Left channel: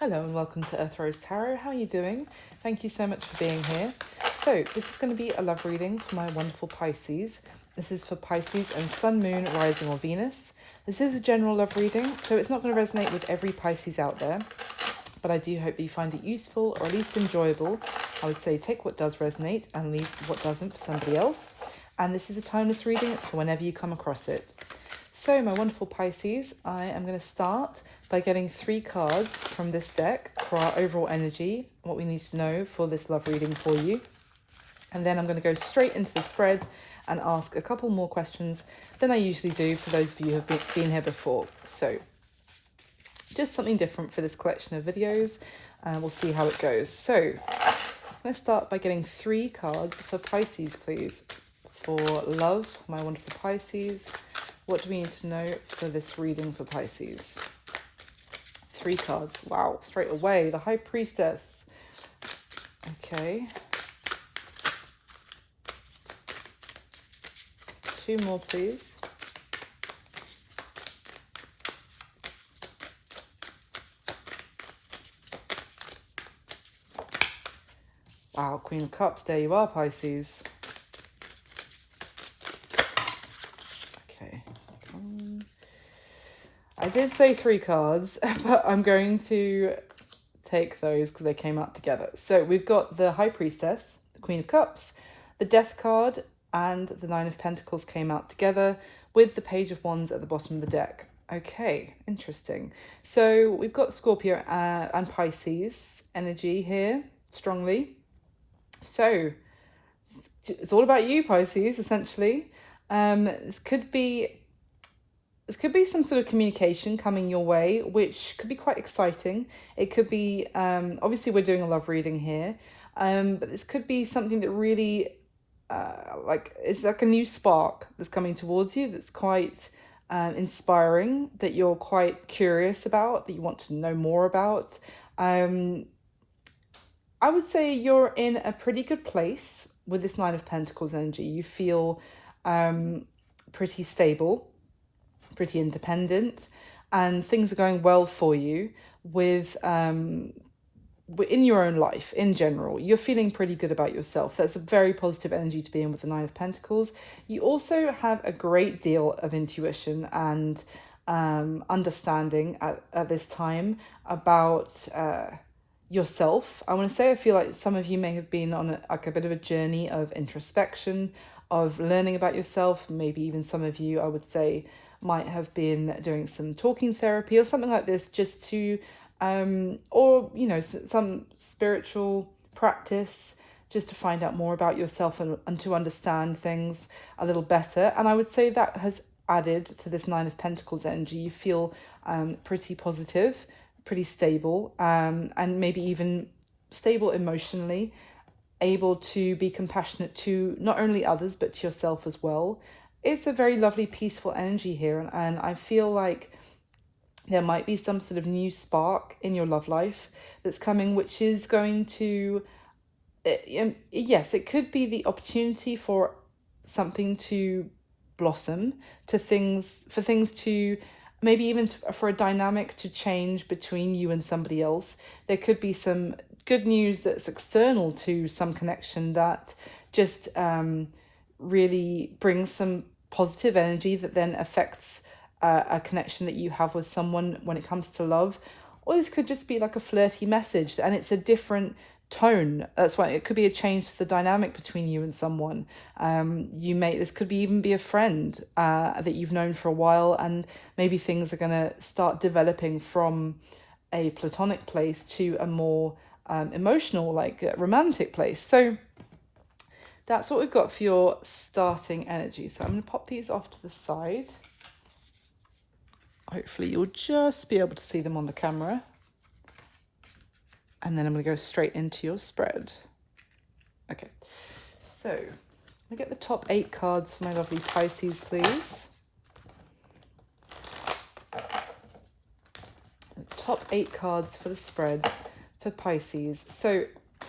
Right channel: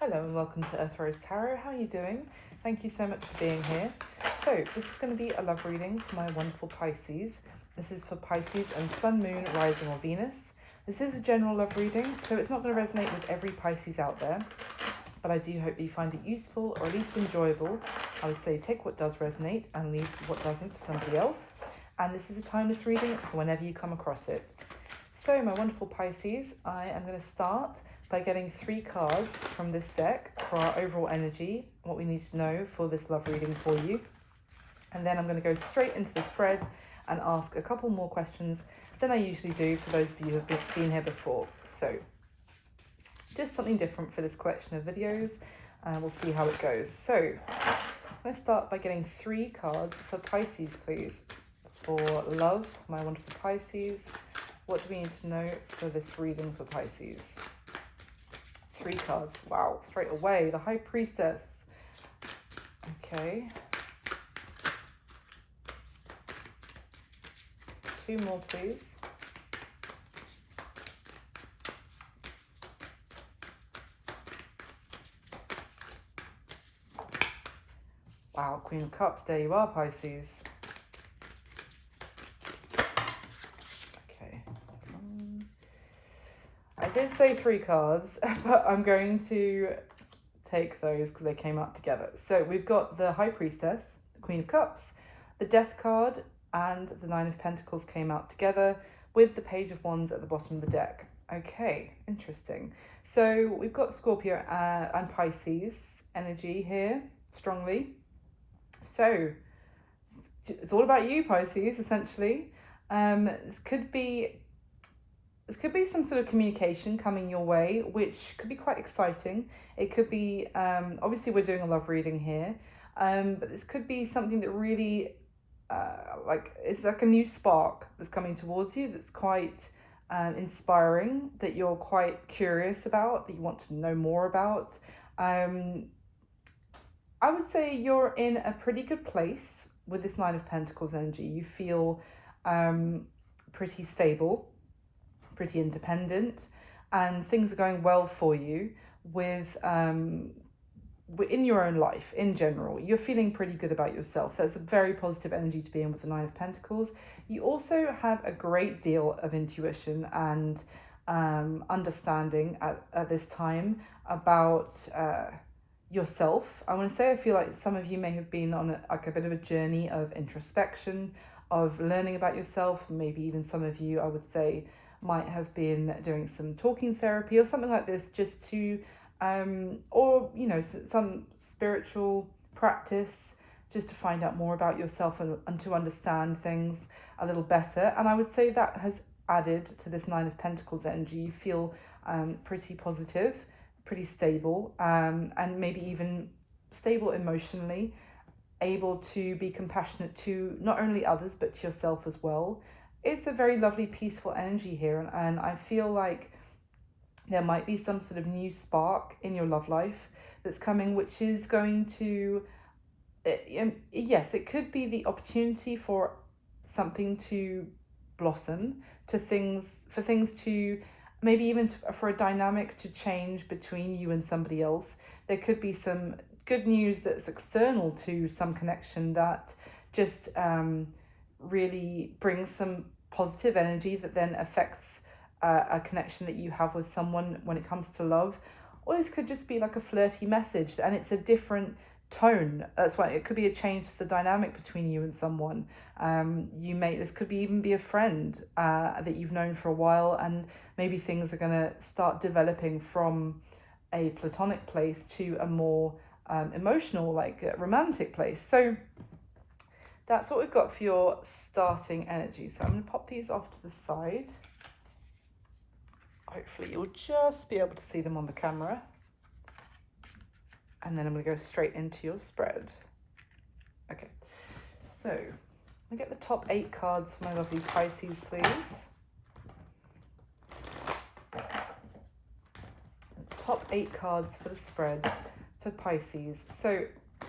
Hello and welcome to Earth Rose Tarot. How are you doing? Thank you so much for being here. So this is going to be a love reading for my wonderful Pisces. This is for Pisces and Sun, Moon, Rising or Venus. This is a general love reading, so it's not going to resonate with every Pisces out there, but I do hope that you find it useful or at least enjoyable. I would say take what does resonate and leave what doesn't for somebody else. And this is a timeless reading, it's for whenever you come across it. So my wonderful Pisces, I am going to start by getting 3 cards from this deck for our overall energy, what we need to know for this love reading for you. And then I'm going to go straight into the spread and ask a couple more questions than I usually do for those of you who have been here before. So just something different for this collection of videos, and we'll see how it goes. So I'm going to start by getting 3 cards for Pisces, please. For love, my wonderful Pisces, what do we need to know for this reading for Pisces? 3 cards. Wow, straight away. The High Priestess. Okay. 2 more, please. Wow, Queen of Cups. There you are, Pisces. Okay. I did say 3 cards, but I'm going to take those because they came out together. So we've got the High Priestess, the Queen of Cups, the Death card, and the 9 of Pentacles came out together with the Page of Wands at the bottom of the deck. Okay, interesting. So we've got Scorpio and Pisces energy here, strongly. So it's all about you, Pisces, essentially. This could be some sort of communication coming your way, which could be quite exciting. It could be, obviously we're doing a love reading here, but this could be something that really, it's like a new spark that's coming towards you that's quite inspiring, that you're quite curious about, that you want to know more about. I would say you're in a pretty good place with this 9 of Pentacles energy. You feel pretty stable, pretty independent, and things are going well for you with in your own life in general. You're feeling pretty good about yourself. That's a very positive energy to be in with the 9 of Pentacles. You also have a great deal of intuition and understanding at this time about yourself. I want to say I feel like some of you may have been on a bit of a journey of introspection, of learning about yourself. Maybe even some of you, I would say, might have been doing some talking therapy or something like this, just to or you know, some spiritual practice, just to find out more about yourself and to understand things a little better. And I would say that has added to this 9 of Pentacles energy. You feel pretty positive, pretty stable, and maybe even stable emotionally, able to be compassionate to not only others but to yourself as well. It's a very lovely, peaceful energy here, and I feel like there might be some sort of new spark in your love life that's coming, which is going to, yes, it could be the opportunity for something to blossom, for things to, maybe even for a dynamic to change between you and somebody else. There could be some good news that's external to some connection that just really brings some positive energy that then affects a connection that you have with someone when it comes to love. Or this could just be like a flirty message, and it's a different tone. That's why it could be a change to the dynamic between you and someone. This could even be a friend that you've known for a while, and maybe things are going to start developing from a platonic place to a more emotional, like romantic place. So that's what we've got for your starting energy. So I'm going to pop these off to the side. Hopefully you'll just be able to see them on the camera. And then I'm going to go straight into your spread. Okay, so I'm going to get the top 8 cards for my lovely Pisces, please. The top 8 cards for the spread for Pisces. So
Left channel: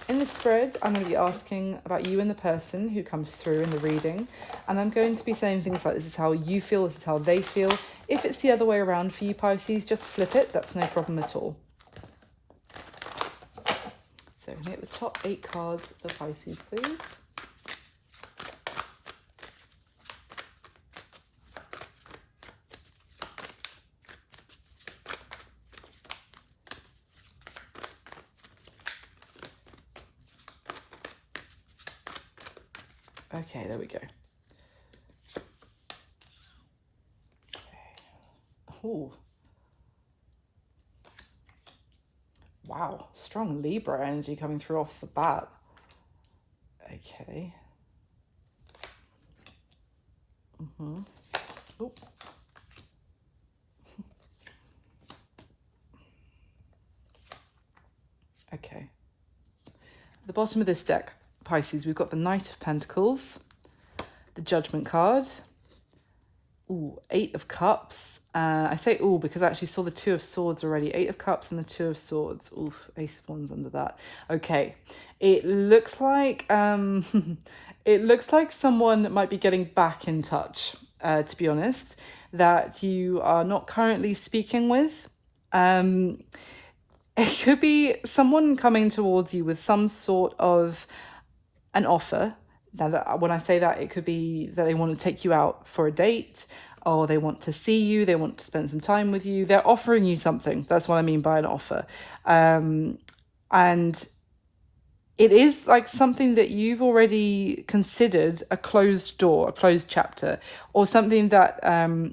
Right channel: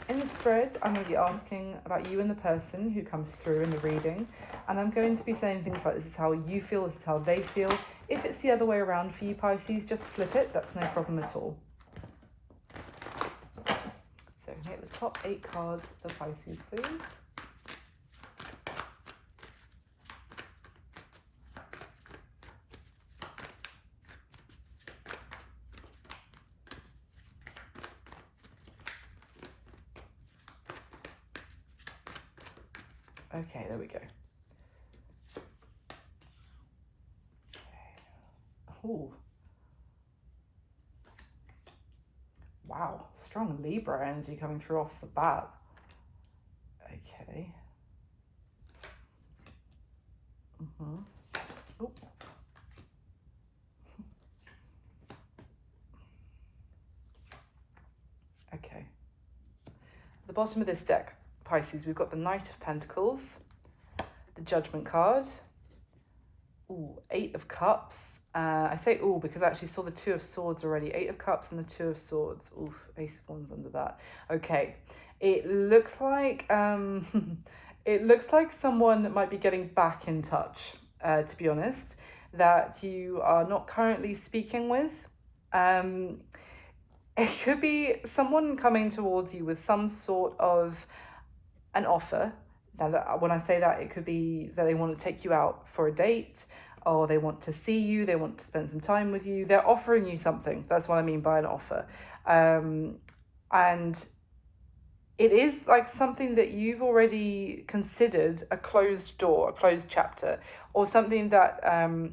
in the spread, I'm going to be asking about you and the person who comes through in the reading, and I'm going to be saying things like, this is how you feel, this is how they feel. If it's the other way around for you, Pisces, just flip it. That's no problem at all. top 8 cards for Pisces, please. Okay, there we go. Okay. Ooh. Wow, strong Libra energy coming through off the bat. Okay. Ooh. Okay. At the bottom of this deck, Pisces, we've got the Knight of Pentacles, the Judgment card, ooh, 8 of Cups. I say ooh because I actually saw the 2 of Swords already. 8 of Cups and the 2 of Swords. Oof, Ace of Wands under that. Okay, it looks like it looks like someone might be getting back in touch. To be honest, that you are not currently speaking with. It could be someone coming towards you with some sort of an offer. Now, when I say that, it could be that they want to take you out for a date, or they want to see you, they want to spend some time with you. They're offering you something. That's what I mean by an offer. And it is like something that you've already considered a closed door, a closed chapter, or something that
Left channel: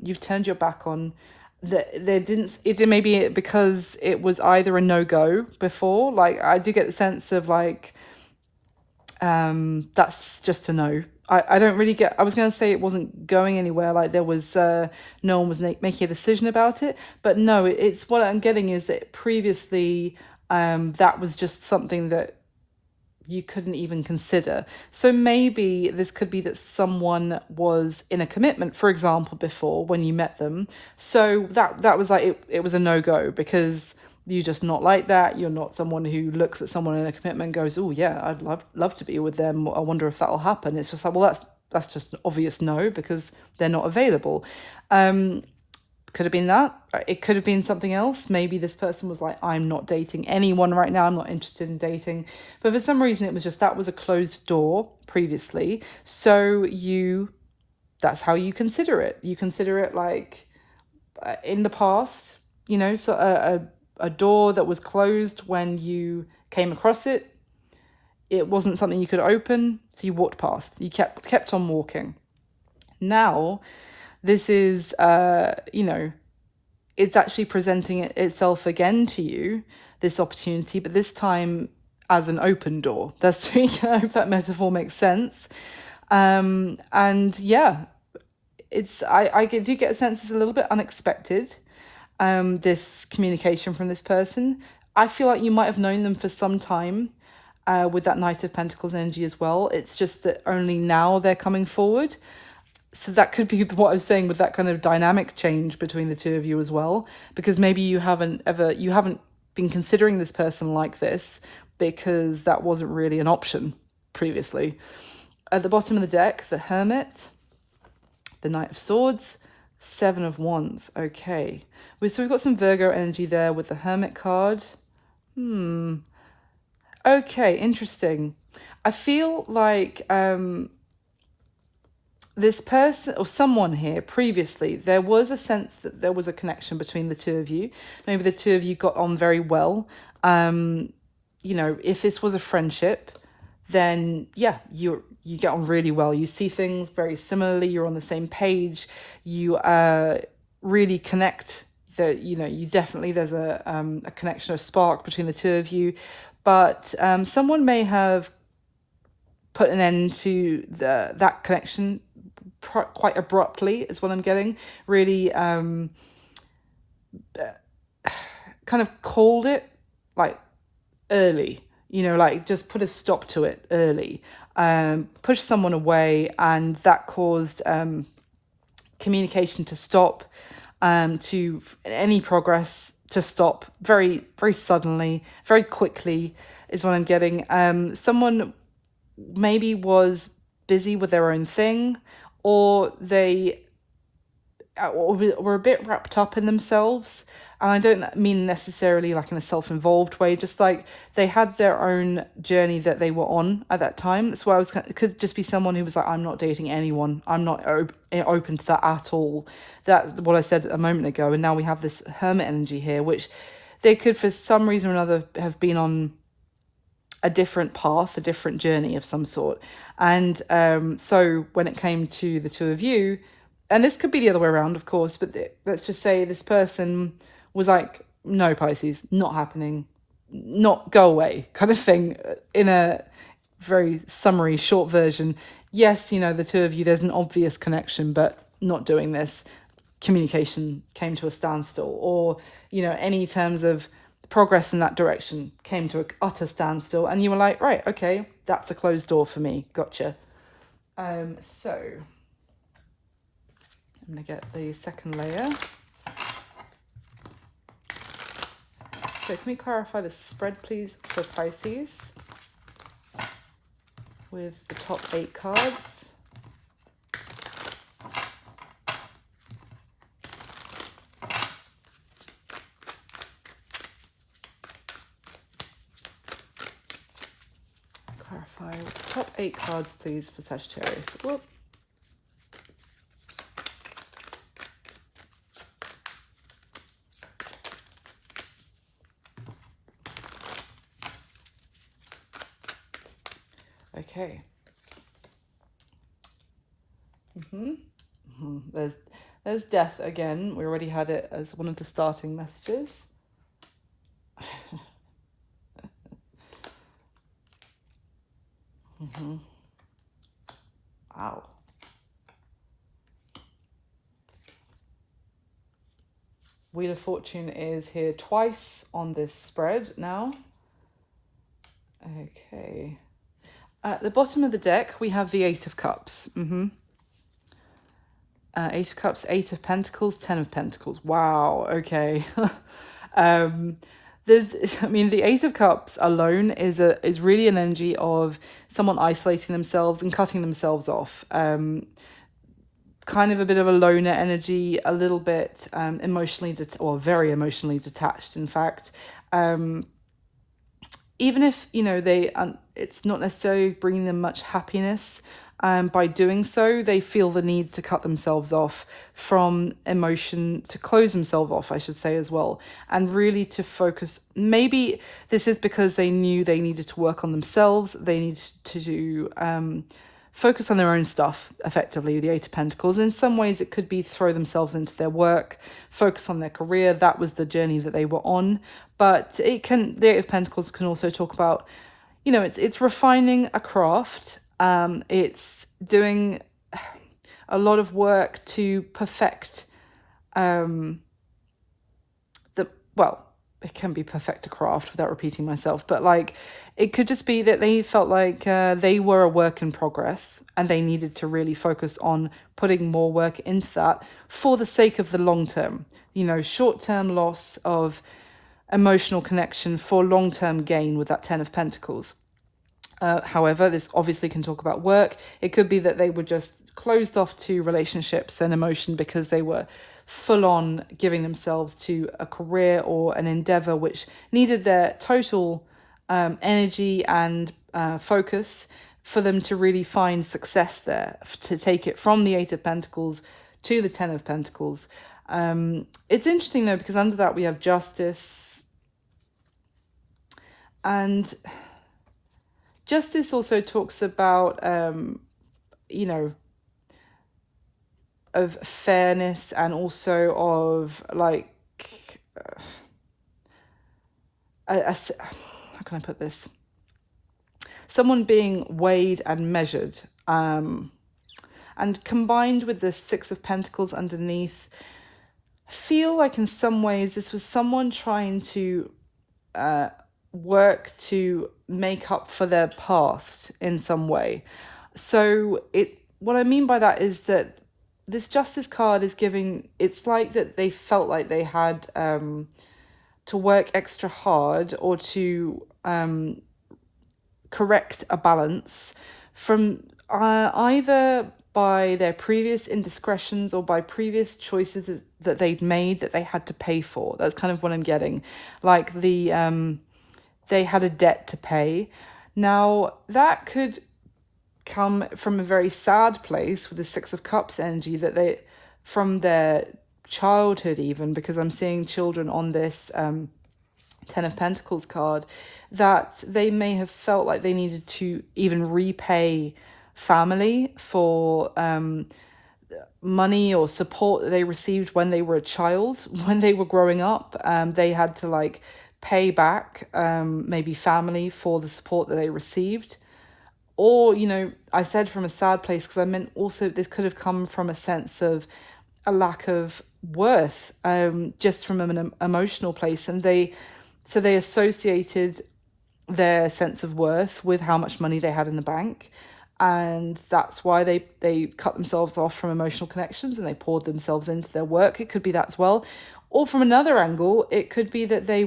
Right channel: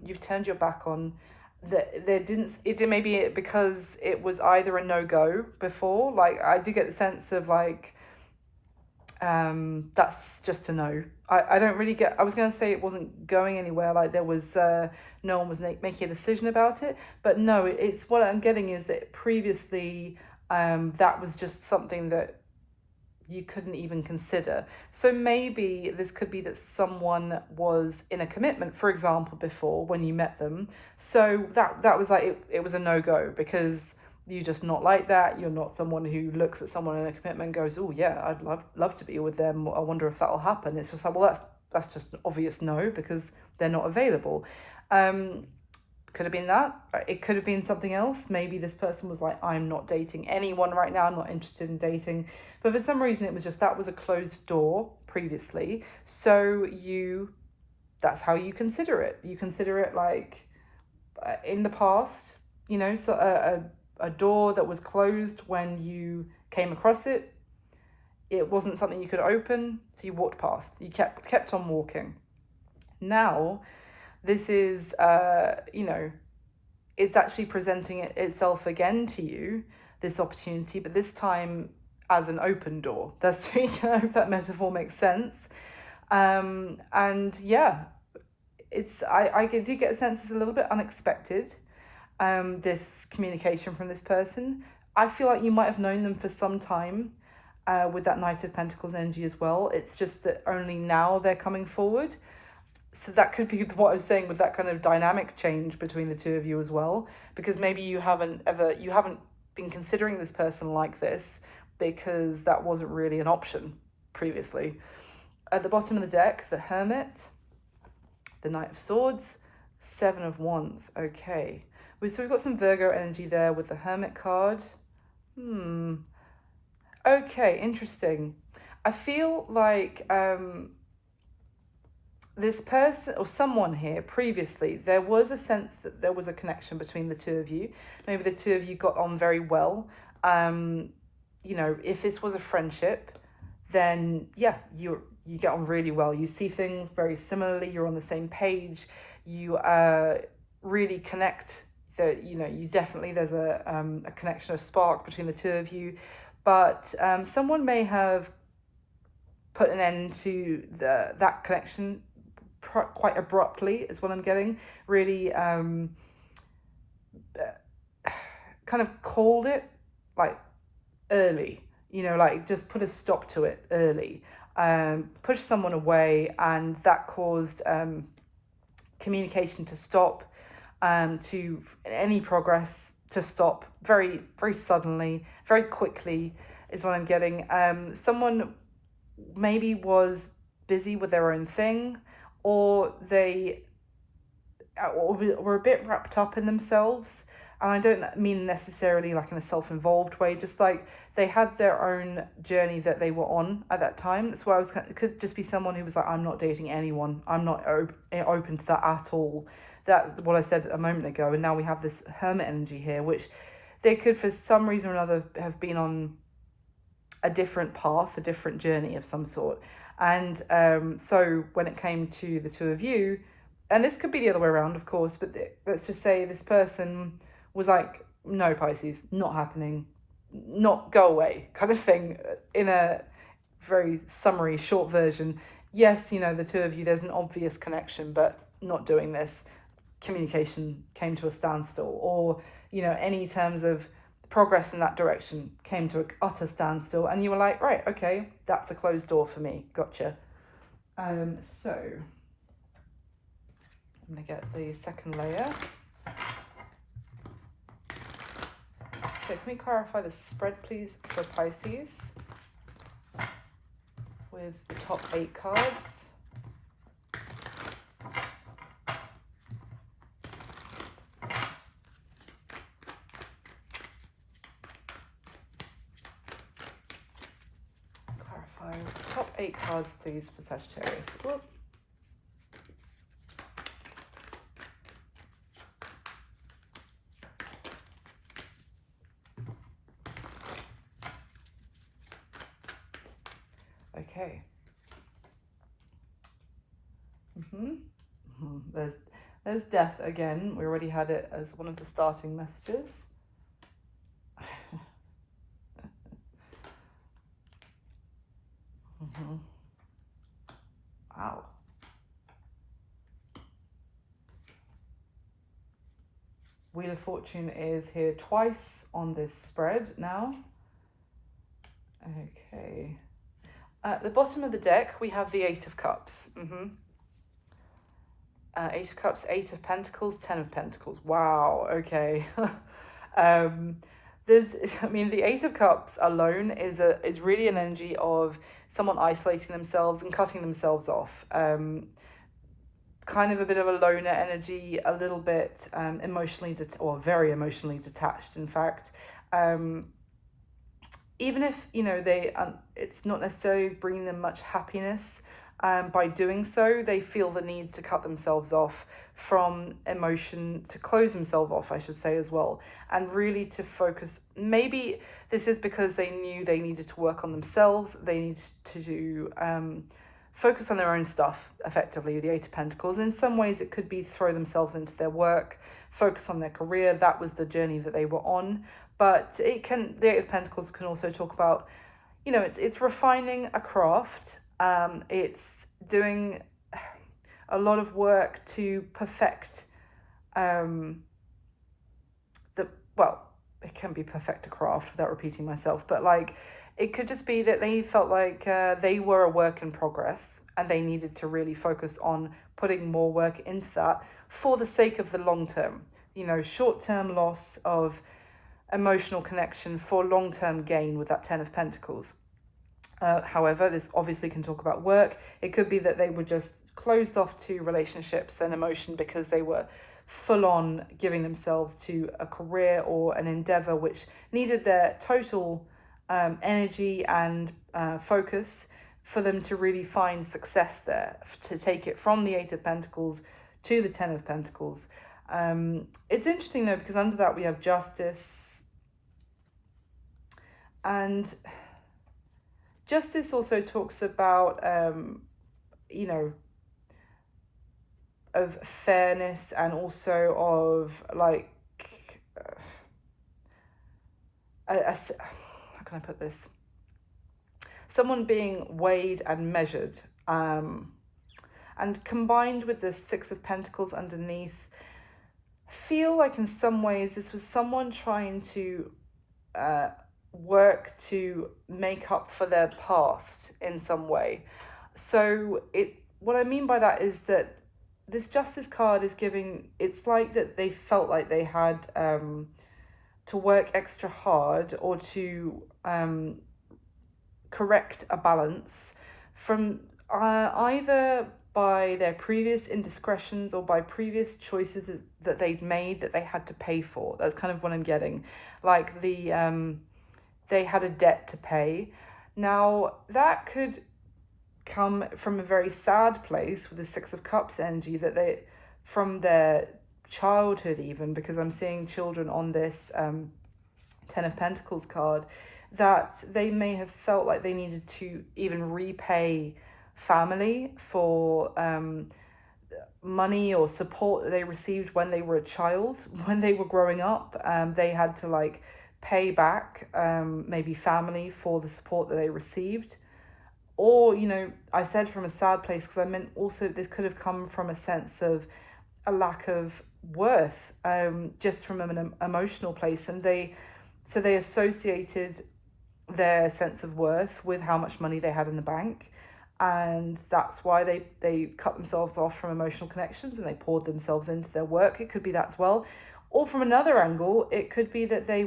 you've turned your back on. That there didn't, it may be because it was either a no-go before. Like, I do get the sense of like, that's just a no. I don't really get, I was going to say it wasn't going anywhere, like there was no one was making a decision about it, but no, it's what I'm getting is that previously that was just something that you couldn't even consider. So maybe this could be that someone was in a commitment, for example, before when you met them, so that was like it was a no-go because you're just not like that. You're not someone who looks at someone in a commitment and goes, oh yeah, I'd love to be with them, I wonder if that'll happen. It's just like, well, that's just an obvious no because they're not available. Could have been that. It could have been something else. Maybe this person was like, I'm not dating anyone right now, I'm not interested in dating. But for some reason it was just, that was a closed door previously, so that's how you consider it. You consider it like in the past, you know, so a door that was closed when you came across it. It wasn't something you could open, so you walked past. You kept on walking. Now, this is, you know, it's actually presenting itself again to you, this opportunity, but this time as an open door. That's, I hope that metaphor makes sense. And yeah, I do get a sense it's a little bit unexpected. This communication from this person. I feel like you might have known them for some time with that Knight of Pentacles energy as well. It's just that only now they're coming forward. So that could be what I was saying with that kind of dynamic change between the two of you as well, because maybe you haven't been considering this person like this because that wasn't really an option previously. At the bottom of the deck, the Hermit, the Knight of Swords, 7 of Wands. Okay. So we've got some Virgo energy there with the Hermit card. Okay, interesting. I feel like this person or someone here previously, there was a sense that there was a connection between the two of you. Maybe the two of you got on very well. You know, if this was a friendship, then yeah, you get on really well. You see things very similarly. You're on the same page. You really connect. That, you know, you definitely, there's a connection, a spark between the two of you. But someone may have put an end to that connection quite abruptly, is what I'm getting. Really kind of called it like early, you know, like just put a stop to it early, push someone away, and that caused communication to stop, to any progress to stop very, very suddenly, very quickly, is what I'm getting. Someone maybe was busy with their own thing, or they were a bit wrapped up in themselves. And I don't mean necessarily like in a self-involved way, just like they had their own journey that they were on at that time. That's why I was, it could just be someone who was like, I'm not dating anyone, I'm not open to that at all. That's what I said a moment ago. And now we have this hermit energy here, which they could for some reason or another have been on a different path, a different journey of some sort. And so when it came to the two of you, and this could be the other way around, of course, but let's just say this person was like, no, Pisces, not happening, not go away, kind of thing, in a very summary, short version. Yes, you know, the two of you, there's an obvious connection, but not doing this. Communication came to a standstill, or, you know, any terms of progress in that direction came to an utter standstill, and you were like, right, okay, that's a closed door for me. Gotcha. So I'm gonna get the second layer. So can we clarify the spread, please, for Pisces with the top 8 cards? Clarify top 8 cards, please, for Sagittarius. Whoop. Okay. There's death again. We already had it as one of the starting messages. Wow. Wheel of Fortune is here twice on this spread now. Okay. At the bottom of the deck, we have the 8 of Cups. 8 of Cups, 8 of Pentacles, 10 of Pentacles. Wow, okay. The 8 of Cups alone is really an energy of someone isolating themselves and cutting themselves off. Kind of a bit of a loner energy, a little bit emotionally, or very emotionally detached, in fact. Even if, you know, it's not necessarily bringing them much happiness, by doing so, they feel the need to cut themselves off from emotion, to close themselves off, I should say, as well, and really to focus. Maybe this is because they knew they needed to work on themselves. They needed to focus on their own stuff, effectively, the 8 of Pentacles. In some ways, it could be throw themselves into their work, focus on their career. That was the journey that they were on. But the 8 of Pentacles can also talk about, you know, it's refining a craft. It's doing a lot of work to perfect it can be perfect a craft without repeating myself, but like it could just be that they felt like they were a work in progress, and they needed to really focus on putting more work into that for the sake of the long term, you know, short-term loss of emotional connection for long-term gain with that 10 of Pentacles. However, this obviously can talk about work. It could be that they were just closed off to relationships and emotion because they were full on giving themselves to a career or an endeavor which needed their total energy and focus for them to really find success there, to take it from the 8 of Pentacles to the 10 of Pentacles. It's interesting though, because under that we have Justice, and Justice also talks about, you know, of fairness, and also of like, how can I put this? Someone being weighed and measured, and combined with the 6 of Pentacles underneath, I feel like in some ways this was someone trying to work to make up for their past in some way. So what I mean by that is that this Justice card is giving, it's like that they felt like they had to work extra hard, or to correct a balance from either by their previous indiscretions or by previous choices that they'd made that they had to pay for. That's kind of what I'm getting. Like they had a debt to pay. Now, that could come from a very sad place with the Six of Cups energy, that they, from their childhood even, because I'm seeing children on this Ten of Pentacles card, that they may have felt like they needed to even repay family for money or support that they received when they were a child, when they were growing up. They had to like pay back maybe family for the support that they received. Or, you know, I said from a sad place because I meant also this could have come from a sense of a lack of worth, just from an emotional place. And they associated their sense of worth with how much money they had in the bank. And that's why they cut themselves off from emotional connections and they poured themselves into their work. It could be that as well. Or from another angle, it could be that they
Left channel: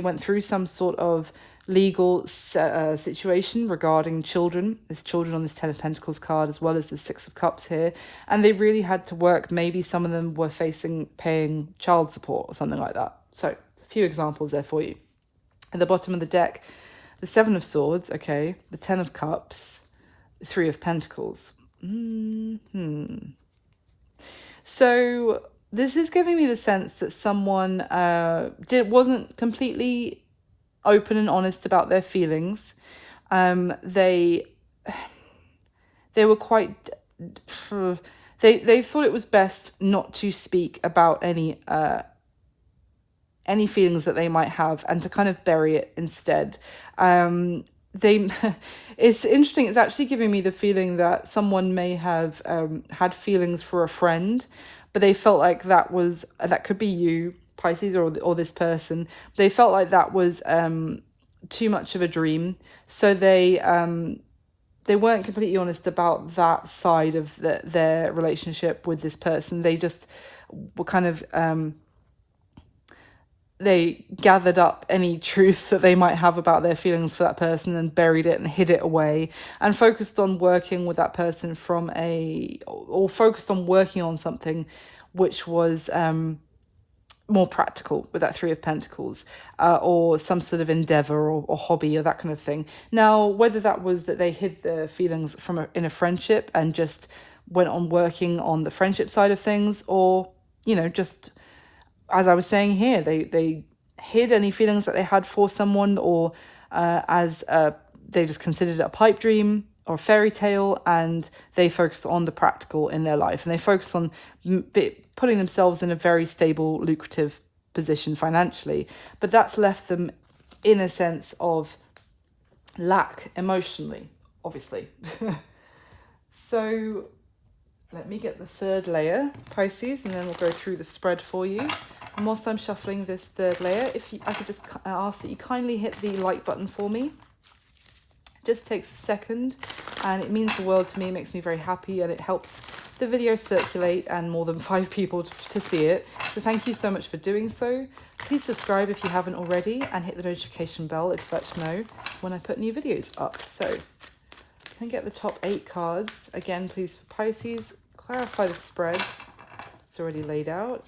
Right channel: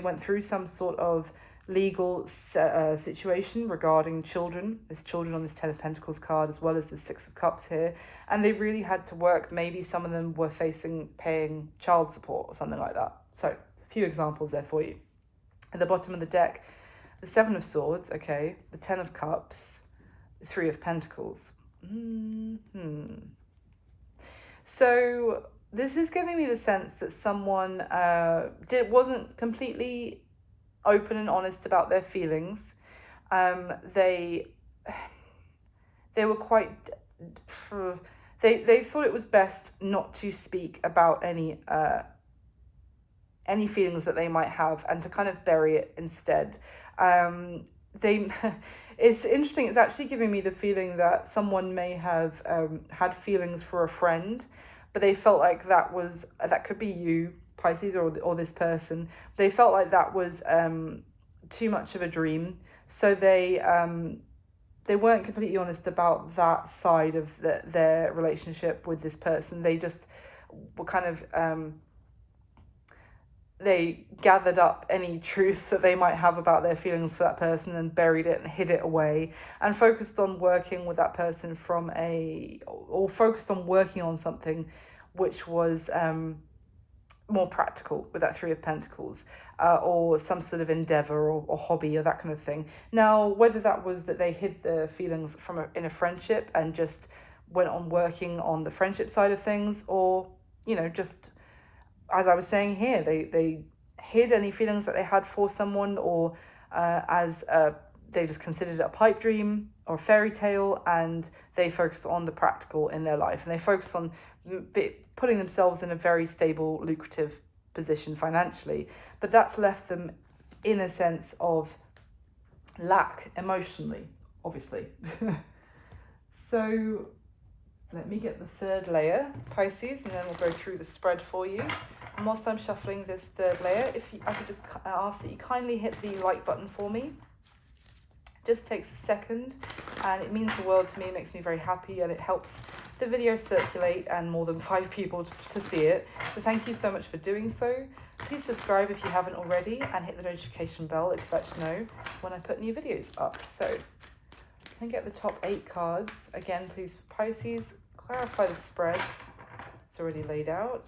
went through some sort of legal situation regarding children. There's children on this Ten of Pentacles card as well as the Six of Cups here, and they really had to work. Maybe some of them were paying child support or something like that. So a few examples there for you. At the bottom of the deck, the Seven of Swords, okay, the Ten of Cups, the Three of Pentacles. So this is giving me the sense that someone wasn't completely open and honest about their feelings. They were quite they thought it was best not to speak about any feelings that they might have, and to kind of bury it instead. It's interesting, it's actually giving me the feeling that someone may have had feelings for a friend, but they felt like that could be you, Pisces, or this person. They felt like that was too much of a dream, so they weren't completely honest about that side of their relationship with this person. They just were kind of they gathered up any truth that they might have about their feelings for that person and buried it and hid it away, and focused on working with that person focused on working on something which was more practical with that Three of Pentacles, or some sort of endeavor or hobby or that kind of thing. Now, whether that was that they hid their feelings in a friendship and just went on working on the friendship side of things, or, you know, just as I was saying here, they hid any feelings that they had for someone, or they just considered it a pipe dream or a fairy tale, and they focused on the practical in their life, and they focused on putting themselves in a very stable, lucrative position financially. But that's left them in a sense of lack emotionally, obviously. So let me get the third layer, Pisces, and then we'll go through the spread for you. And whilst I'm shuffling this third layer, I could just ask that you kindly hit the like button for me. It just takes a second, and it means the world to me. It makes me very happy, and it helps the video circulate and more than 5 people to see it. So thank you so much for doing so. Please subscribe if you haven't already, and hit the notification bell if you let you know when I put new videos up. So can we get the top 8 cards again, please, for Pisces? Clarify the spread. It's already laid out.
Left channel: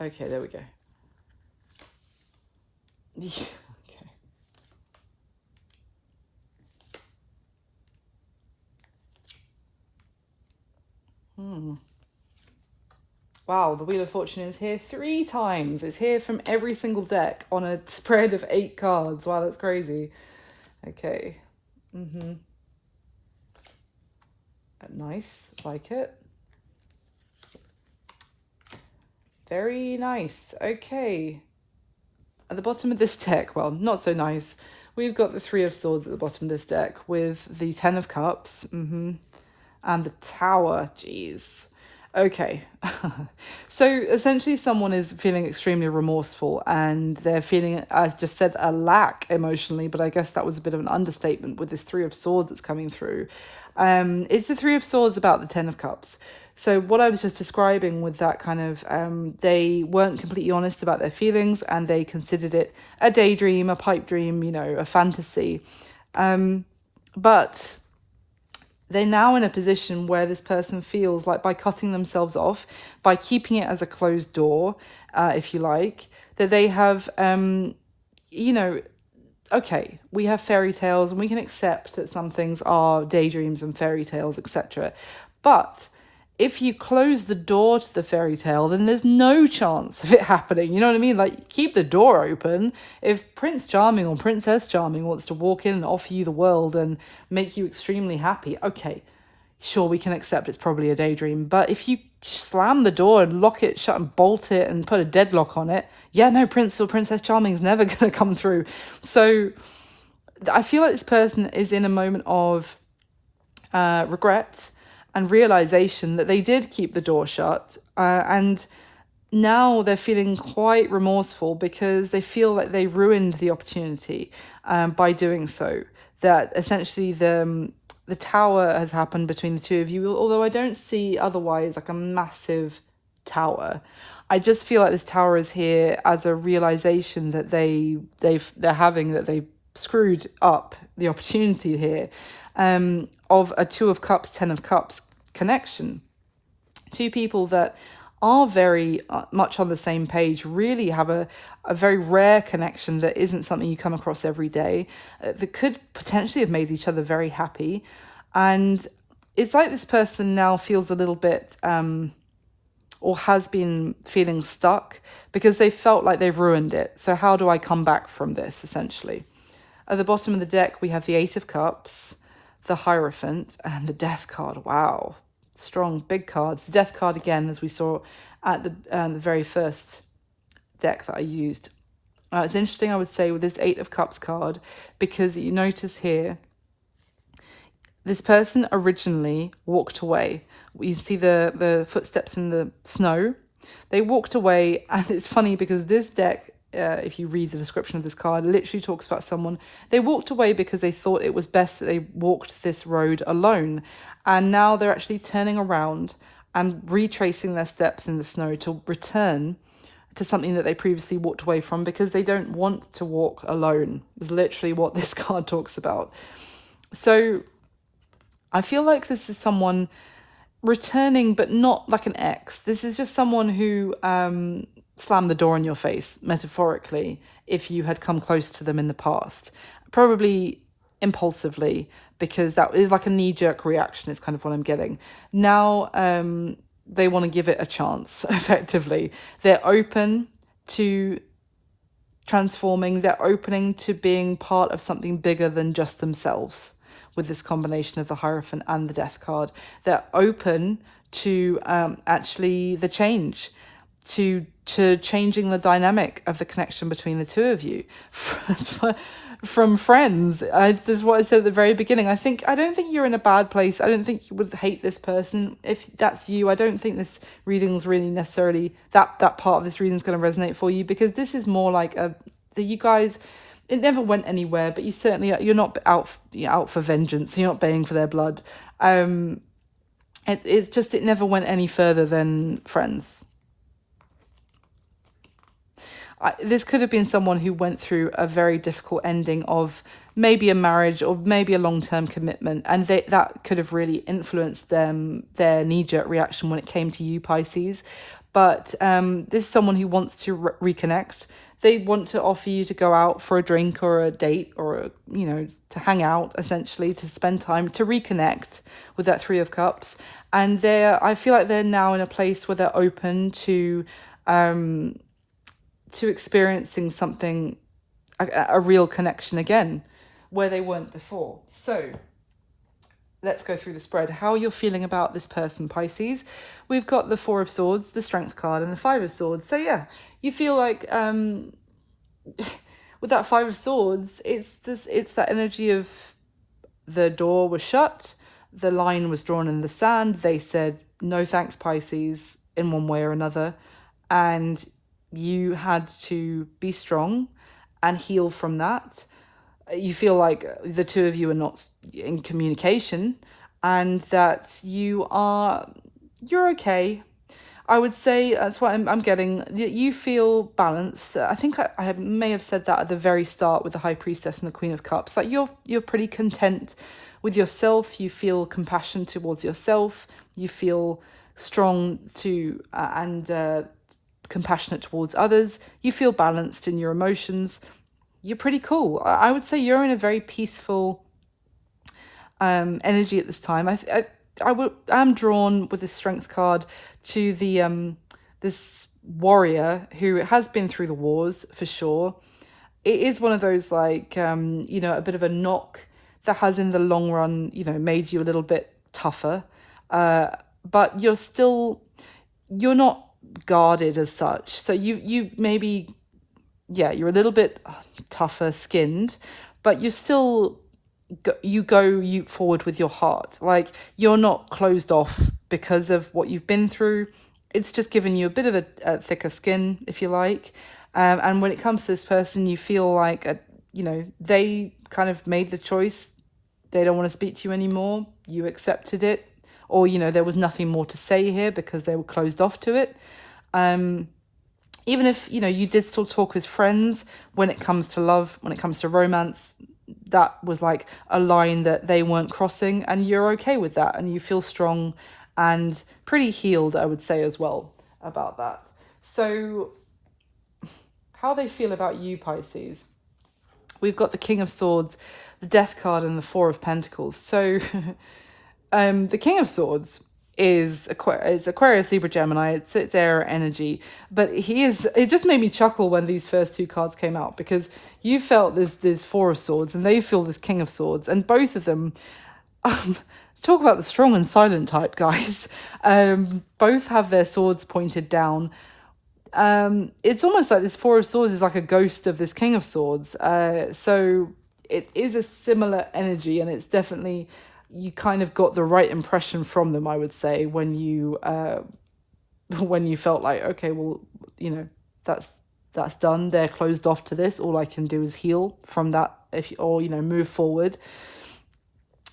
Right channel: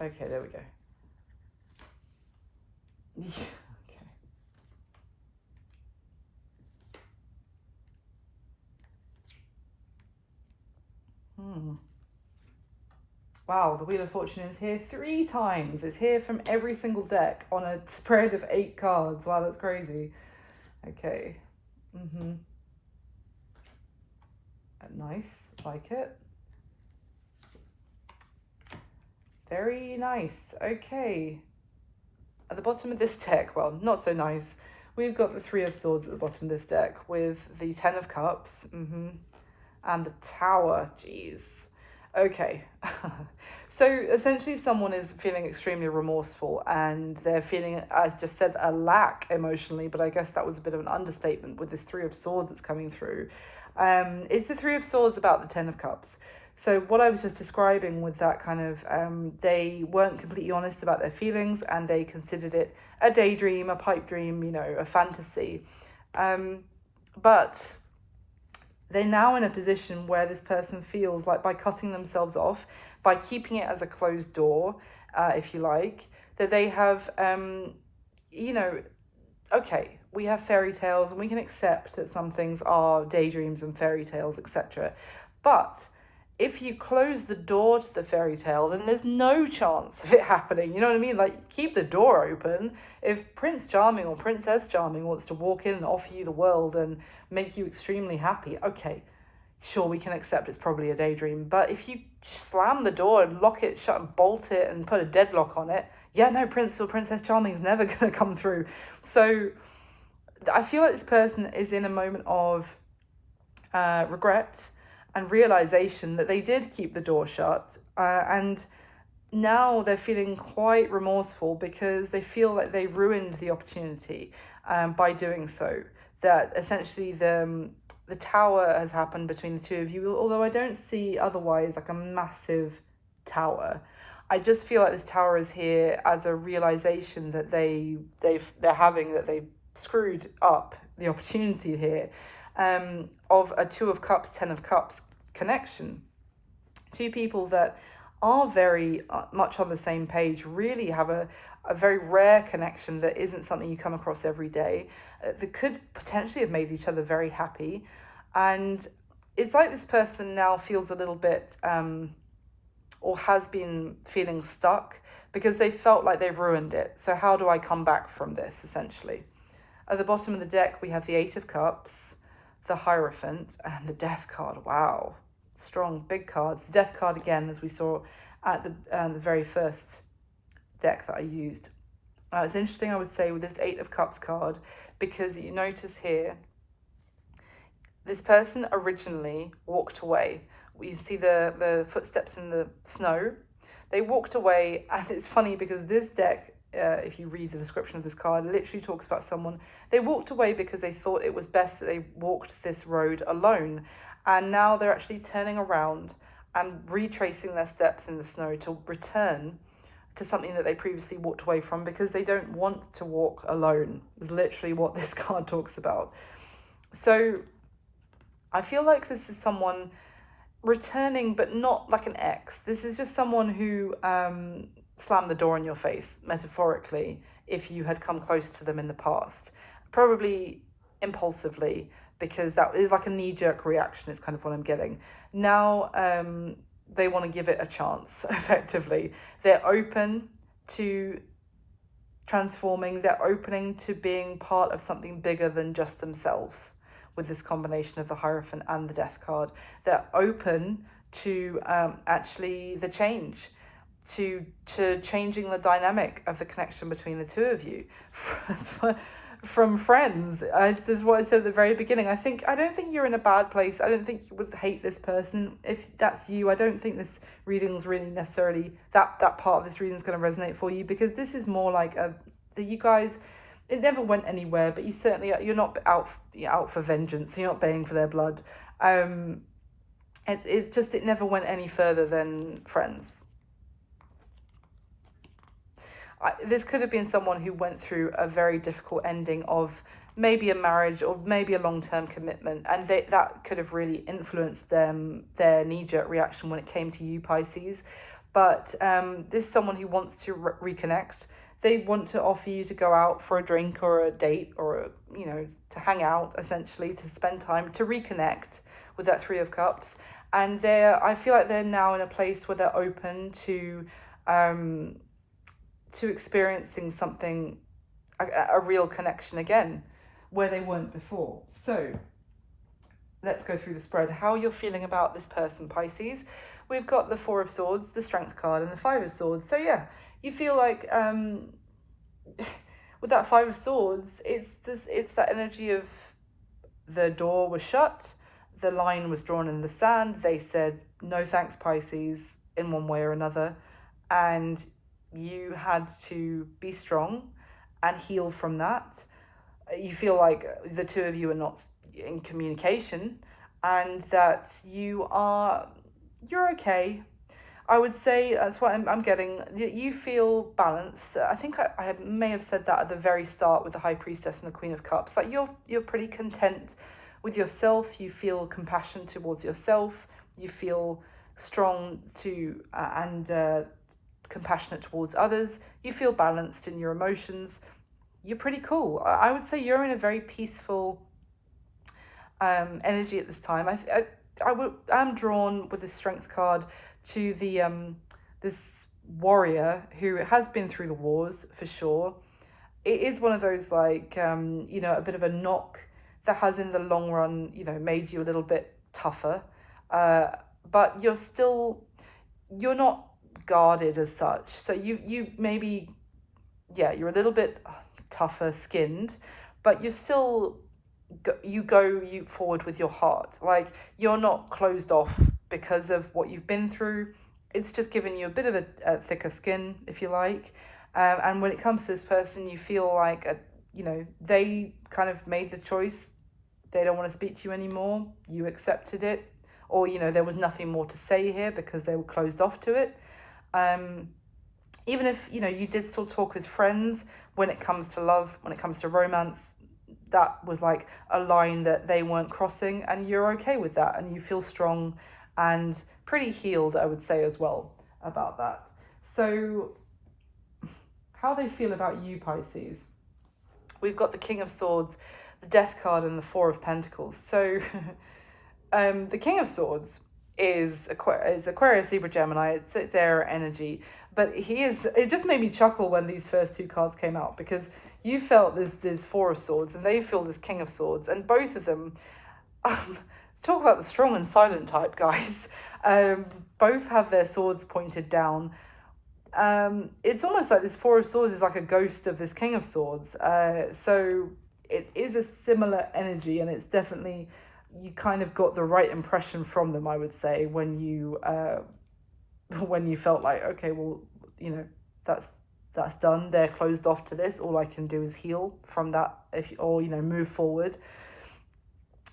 Okay, there we go. Okay. Wow, the Wheel of Fortune is here 3 times. It's here from every single deck on a spread of 8 cards. Wow, that's crazy. Okay. Nice, like it. Very nice. Okay. At the bottom of this deck, well, not so nice. We've got the Three of Swords at the bottom of this deck with the Ten of Cups, and the Tower. Jeez. Okay. So essentially, someone is feeling extremely remorseful and they're feeling, as just said, a lack emotionally, but I guess that was a bit of an understatement with this Three of Swords that's coming through. It's the Three of Swords about the Ten of Cups. So what I was just describing with that kind of, they weren't completely honest about their feelings and they considered it a daydream, a pipe dream, you know, a fantasy. But they're now in a position where this person feels like by cutting themselves off, by keeping it as a closed door, if you like, that they have, you know, okay, we have fairy tales and we can accept that some things are daydreams and fairy tales, etc. But if you close the door to the fairy tale, then there's no chance of it happening. You know what I mean? Like, keep the door open. If Prince Charming or Princess Charming wants to walk in and offer you the world and make you extremely happy, okay, sure, we can accept it's probably a daydream. But if you slam the door and lock it shut and bolt it and put a deadlock on it, yeah, no, Prince or Princess Charming is never going to come through. So I feel like this person is in a moment of regret and realization that they did keep the door shut, and now they're feeling quite remorseful because they feel like they ruined the opportunity by doing so. That essentially the tower has happened between the two of you, although I don't see otherwise like a massive tower. I just feel like this tower is here as a realization that they're having, that they screwed up the opportunity here, of a Two of Cups, Ten of Cups connection. Two people that are very much on the same page, really have a very rare connection that isn't something you come across every day, that could potentially have made each other very happy. And it's like this person now feels a little bit, or has been feeling stuck because they felt like they've ruined it. So how do I come back from this, essentially? At the bottom of the deck, we have the Eight of Cups, the Hierophant, and the Death card. Wow. Strong, big cards. The Death card, again, as we saw at the very first deck that I used. It's interesting, I would say, with this Eight of Cups card, because you notice here, this person originally walked away. You see the footsteps in the snow. They walked away, and it's funny because this deck, if you read the description of this card, literally talks about someone, they walked away because they thought it was best that they walked this road alone. And now they're actually turning around and retracing their steps in the snow to return to something that they previously walked away from because they don't want to walk alone, is literally what this card talks about. So I feel like this is someone returning, but not like an ex. This is just someone who slammed the door in your face, metaphorically, if you had come close to them in the past. Probably impulsively, because that is like a knee-jerk reaction, is kind of what I'm getting. Now they want to give it a chance, effectively. They're open to transforming. They're opening to being part of something bigger than just themselves with this combination of the Hierophant and the Death card. They're open to actually the change, to changing the dynamic of the connection between the two of you. From friends, this is what I said at the very beginning. I don't think you're in a bad place. I don't think you would hate this person. If that's you, I don't think this reading's really necessarily, that part of this reading is going to resonate for you, because this is more like you guys, it never went anywhere, but you certainly, you're not out for vengeance. You're not baying for their blood. It's just, it never went any further than friends. This could have been someone who went through a very difficult ending of maybe a marriage or maybe a long-term commitment, and that could have really influenced their knee-jerk reaction when it came to you, Pisces. But this is someone who wants to reconnect. They want to offer you to go out for a drink or a date, or to hang out, essentially, to spend time, to reconnect with that Three of Cups. And I feel like they're now in a place where they're open to experiencing something, a real connection again, where they weren't before. So let's go through the spread. How you're feeling about this person, Pisces. We've got the Four of Swords, the Strength card, and the Five of Swords. So yeah, you feel like with that Five of Swords, it's that energy of the door was shut, the line was drawn in the sand. They said, no thanks, Pisces, in one way or another. And you had to be strong and heal from that. You feel like the two of you are not in communication, and that you're okay. I would say that's what I'm getting. You feel balanced. I think I may have said that at the very start with the High Priestess and the Queen of Cups. Like you're pretty content with yourself. You feel compassion towards yourself. You feel strong to and compassionate towards others. You feel balanced in your emotions. You're pretty cool. I would say you're in a very peaceful energy at this time. I'm drawn with this Strength card to the this warrior who has been through the wars for sure. It is one of those like a bit of a knock that has in the long run made you a little bit tougher, but you're not guarded as such. So you maybe you're a little bit tougher skinned, but you still go forward with your heart. Like you're not closed off because of what you've been through. It's just given you a bit of a thicker skin, if you like. And when it comes to this person, you feel like they kind of made the choice. They don't want to speak to you anymore. You accepted it, or there was nothing more to say here because they were closed off to it. Even if you did still talk as friends, when it comes to love, when it comes to romance, that was like a line that they weren't crossing, and you're okay with that, and you feel strong and pretty healed, I would say, as well about that. So how they feel about you, Pisces. We've got the King of Swords, the Death card, and the Four of Pentacles. So the King of Swords is Aquarius, Libra, Gemini. It's air energy, but it just made me chuckle when these first two cards came out, because you felt this Four of Swords and they feel this King of Swords, and both of them talk about the strong and silent type, guys. Both have their swords pointed down. It's almost like this Four of Swords is like a ghost of this King of Swords. So it is a similar energy, and it's definitely, you kind of got the right impression from them, I would say, when you felt like, okay, well, that's done. They're closed off to this. All I can do is heal from that, or move forward.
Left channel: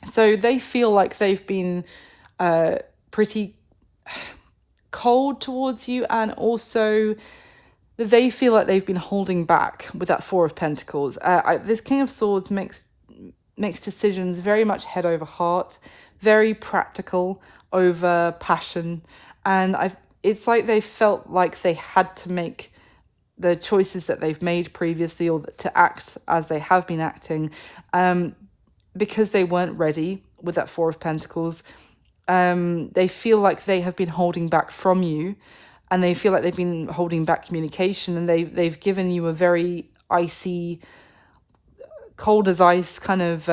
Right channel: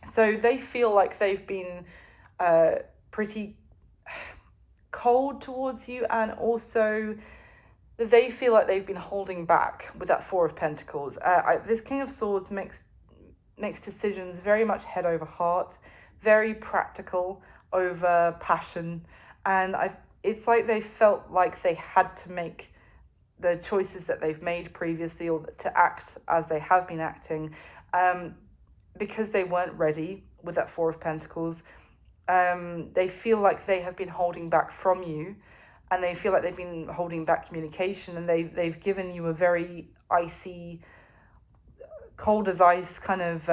So they feel like they've been pretty cold towards you, and also they feel like they've been holding back with that Four of Pentacles. This King of Swords makes decisions very much head over heart, very practical over passion, and it's like they felt like they had to make the choices that they've made previously, or to act as they have been acting, because they weren't ready with that Four of Pentacles. They feel like they have been holding back from you, and they feel like they've been holding back communication, and they've given you a very icy, cold as ice kind of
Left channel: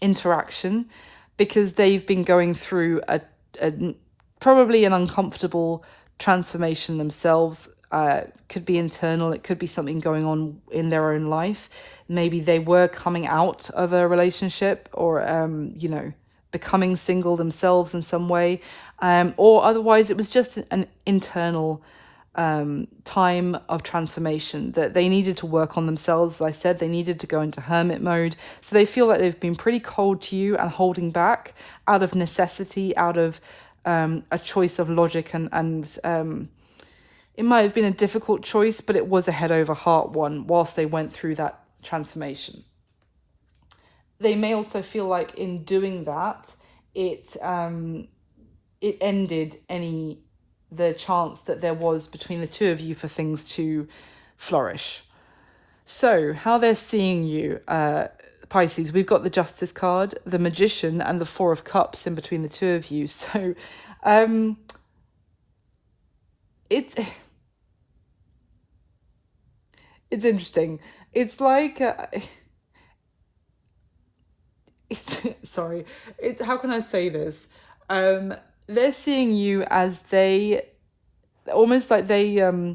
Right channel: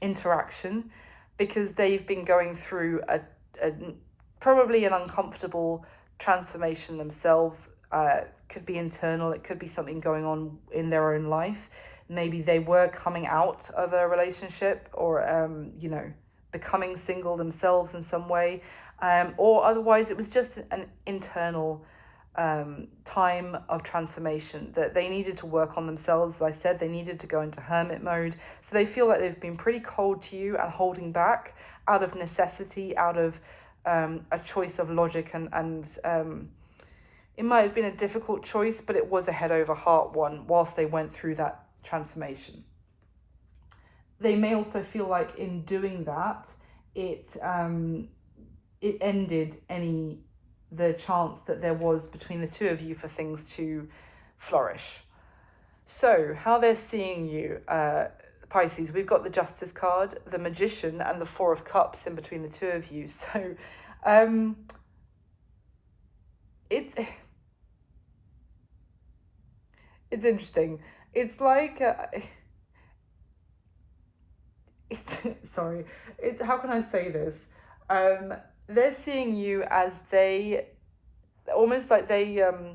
interaction, because they've been going through a probably an uncomfortable transformation themselves. Could be internal, it could be something going on in their own life. Maybe they were coming out of a relationship, or becoming single themselves in some way, or otherwise it was just an internal time of transformation that they needed to work on themselves. As I said, they needed to go into hermit mode. So they feel like they've been pretty cold to you and holding back out of necessity, out of a choice of logic, and it might have been a difficult choice, but it was a head over heart one whilst they went through that transformation. They may also feel like in doing that, it ended the chance that there was between the two of you for things to flourish. So how they're seeing you, Pisces, we've got the Justice card, the Magician, and the Four of Cups in between the two of you. So it's interesting. It's like it's how can I say this? They're seeing you as they almost like they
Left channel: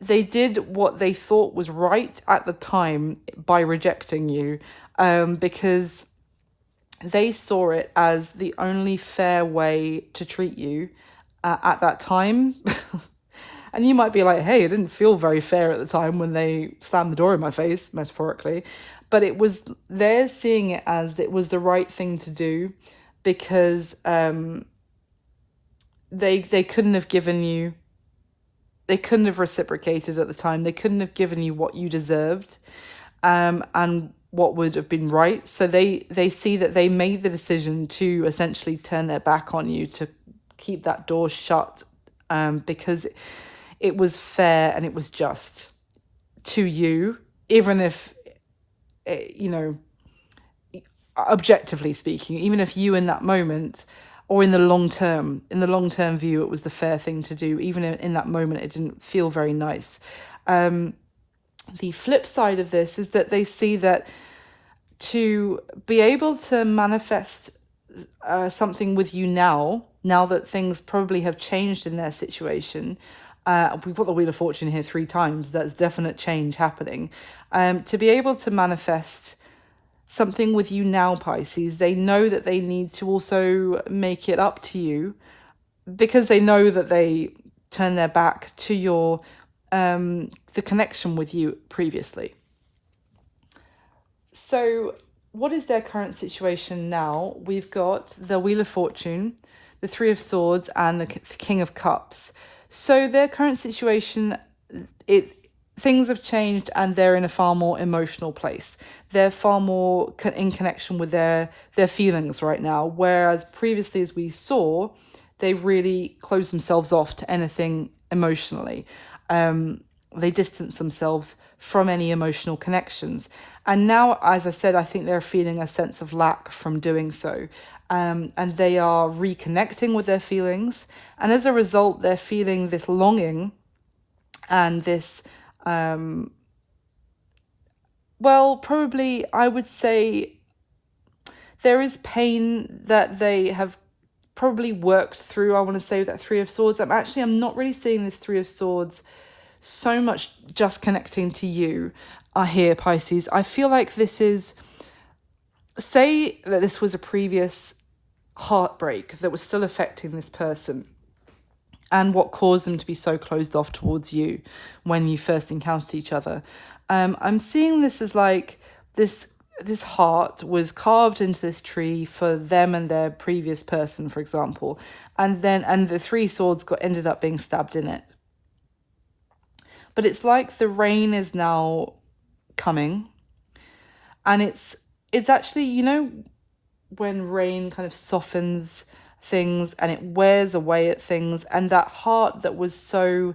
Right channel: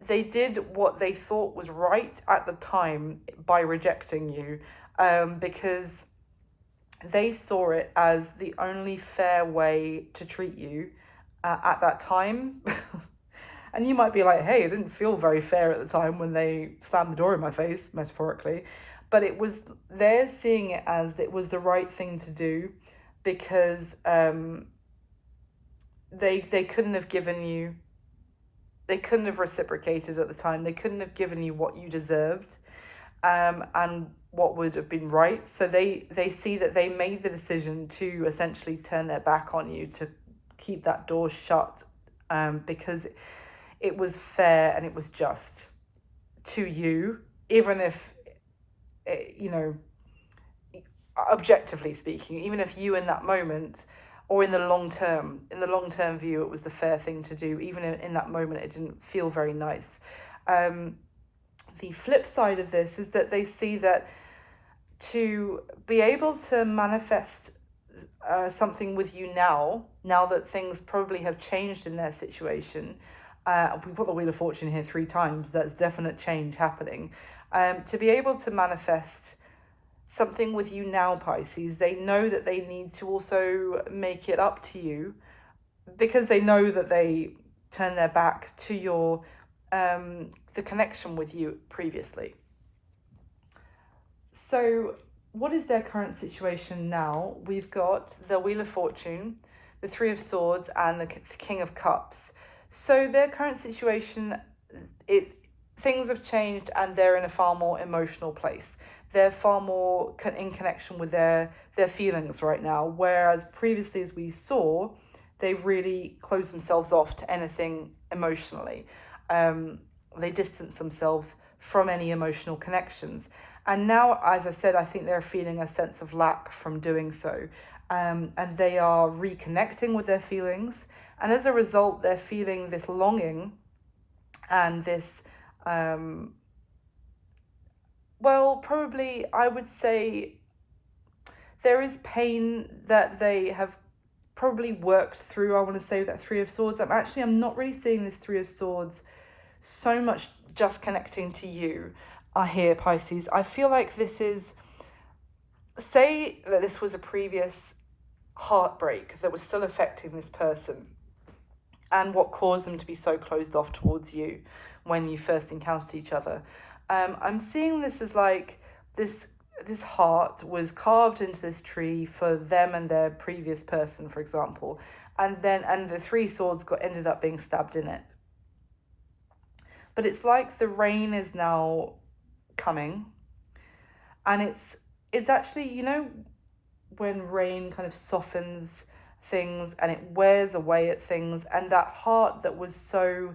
did what they thought was right at the time by rejecting you, because they saw it as the only fair way to treat you at that time. And you might be like, hey, it didn't feel very fair at the time when they slammed the door in my face, metaphorically. But it was, they're seeing it as it was the right thing to do, because they couldn't have given you, they couldn't have reciprocated at the time. They couldn't have given you what you deserved, and what would have been right. So they see that they made the decision to essentially turn their back on you, to keep that door shut, because it was fair and it was just to you, even if, you know, objectively speaking, even if you in that moment, or in the long term view, it was the fair thing to do, even in that moment it didn't feel very nice. The flip side of this is that they see that to be able to manifest something with you now that things probably have changed in their situation, we've got the Wheel of Fortune here 3 times, that's definite change happening. To be able to manifest something with you now, Pisces, they know that they need to also make it up to you, because they know that they turn their back to your the connection with you previously. So what is their current situation now? We've got the Wheel of Fortune, the 3 of Swords, and the King of Cups. So their current situation, things have changed, and they're in a far more emotional place. They're far more in connection with their feelings right now, whereas previously, as we saw, they really closed themselves off to anything emotionally. They distance themselves from any emotional connections. And now, as I said, I think they're feeling a sense of lack from doing so. And they are reconnecting with their feelings. And as a result, they're feeling this longing and this, well, probably, I would say, there is pain that they have probably worked through. I want to say that 3 of Swords. I'm not really seeing this 3 of Swords so much just connecting to you here, Pisces. I feel like this is, say that this was a previous heartbreak that was still affecting this person, and what caused them to be so closed off towards you when you first encountered each other. I'm seeing this as like this heart was carved into this tree for them and their previous person, for example, and the 3 swords ended up being stabbed in it. But it's like the rain is now coming, and it's actually, you know, when rain kind of softens things and it wears away at things, and that heart that was so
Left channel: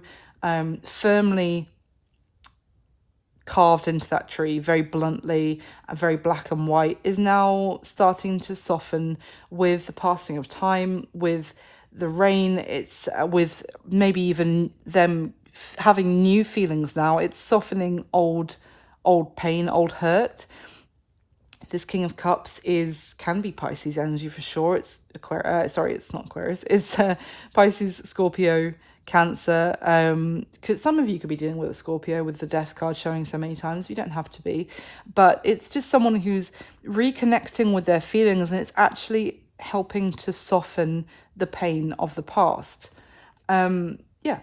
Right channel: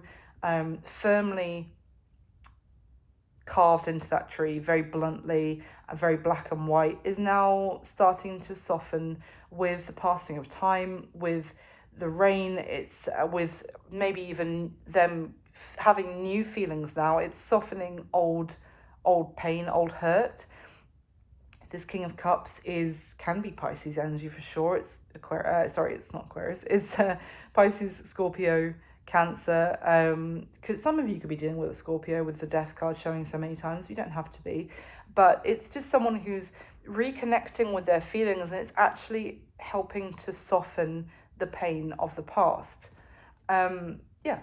firmly carved into that tree, very bluntly and very black and white, is now starting to soften with the passing of time, with the rain. It's with maybe even them having new feelings now. It's softening old pain, old hurt. This King of Cups can be Pisces energy for sure. It's Aquarius. Sorry, it's not Aquarius. It's Pisces, Scorpio, Cancer. Some of you could be dealing with a Scorpio with the Death card showing so many times. You don't have to be, but it's just someone who's reconnecting with their feelings, and it's actually helping to soften the pain of the past. Yeah.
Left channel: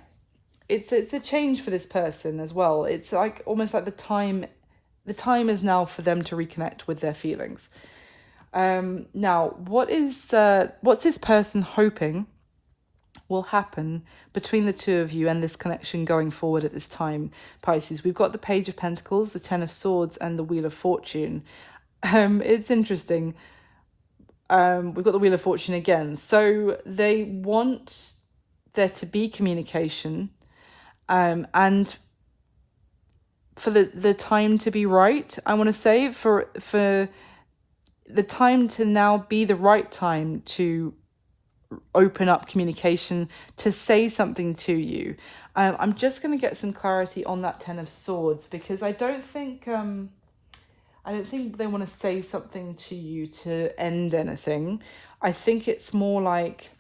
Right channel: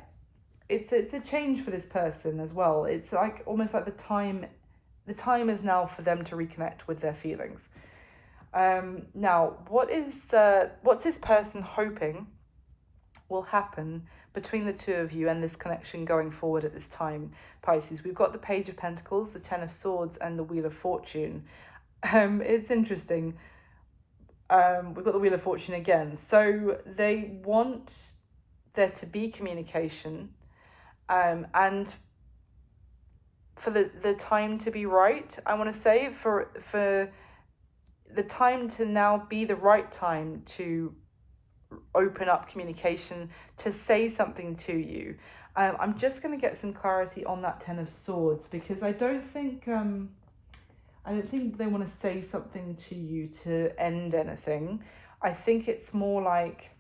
It's a change for this person as well. It's like almost like the time is now for them to reconnect with their feelings. Now, what's this person hoping will happen between the 2 of you and this connection going forward at this time, Pisces? We've got the Page of Pentacles, the 10 of Swords, and the Wheel of Fortune. It's interesting. We've got the Wheel of Fortune again. So they want there to be communication, and for the time to be right. I want to say for the time to now be the right time to open up communication, to say something to you. I'm just going to get some clarity on that 10 of Swords, because I don't think they want to say something to you to end anything. I think it's more like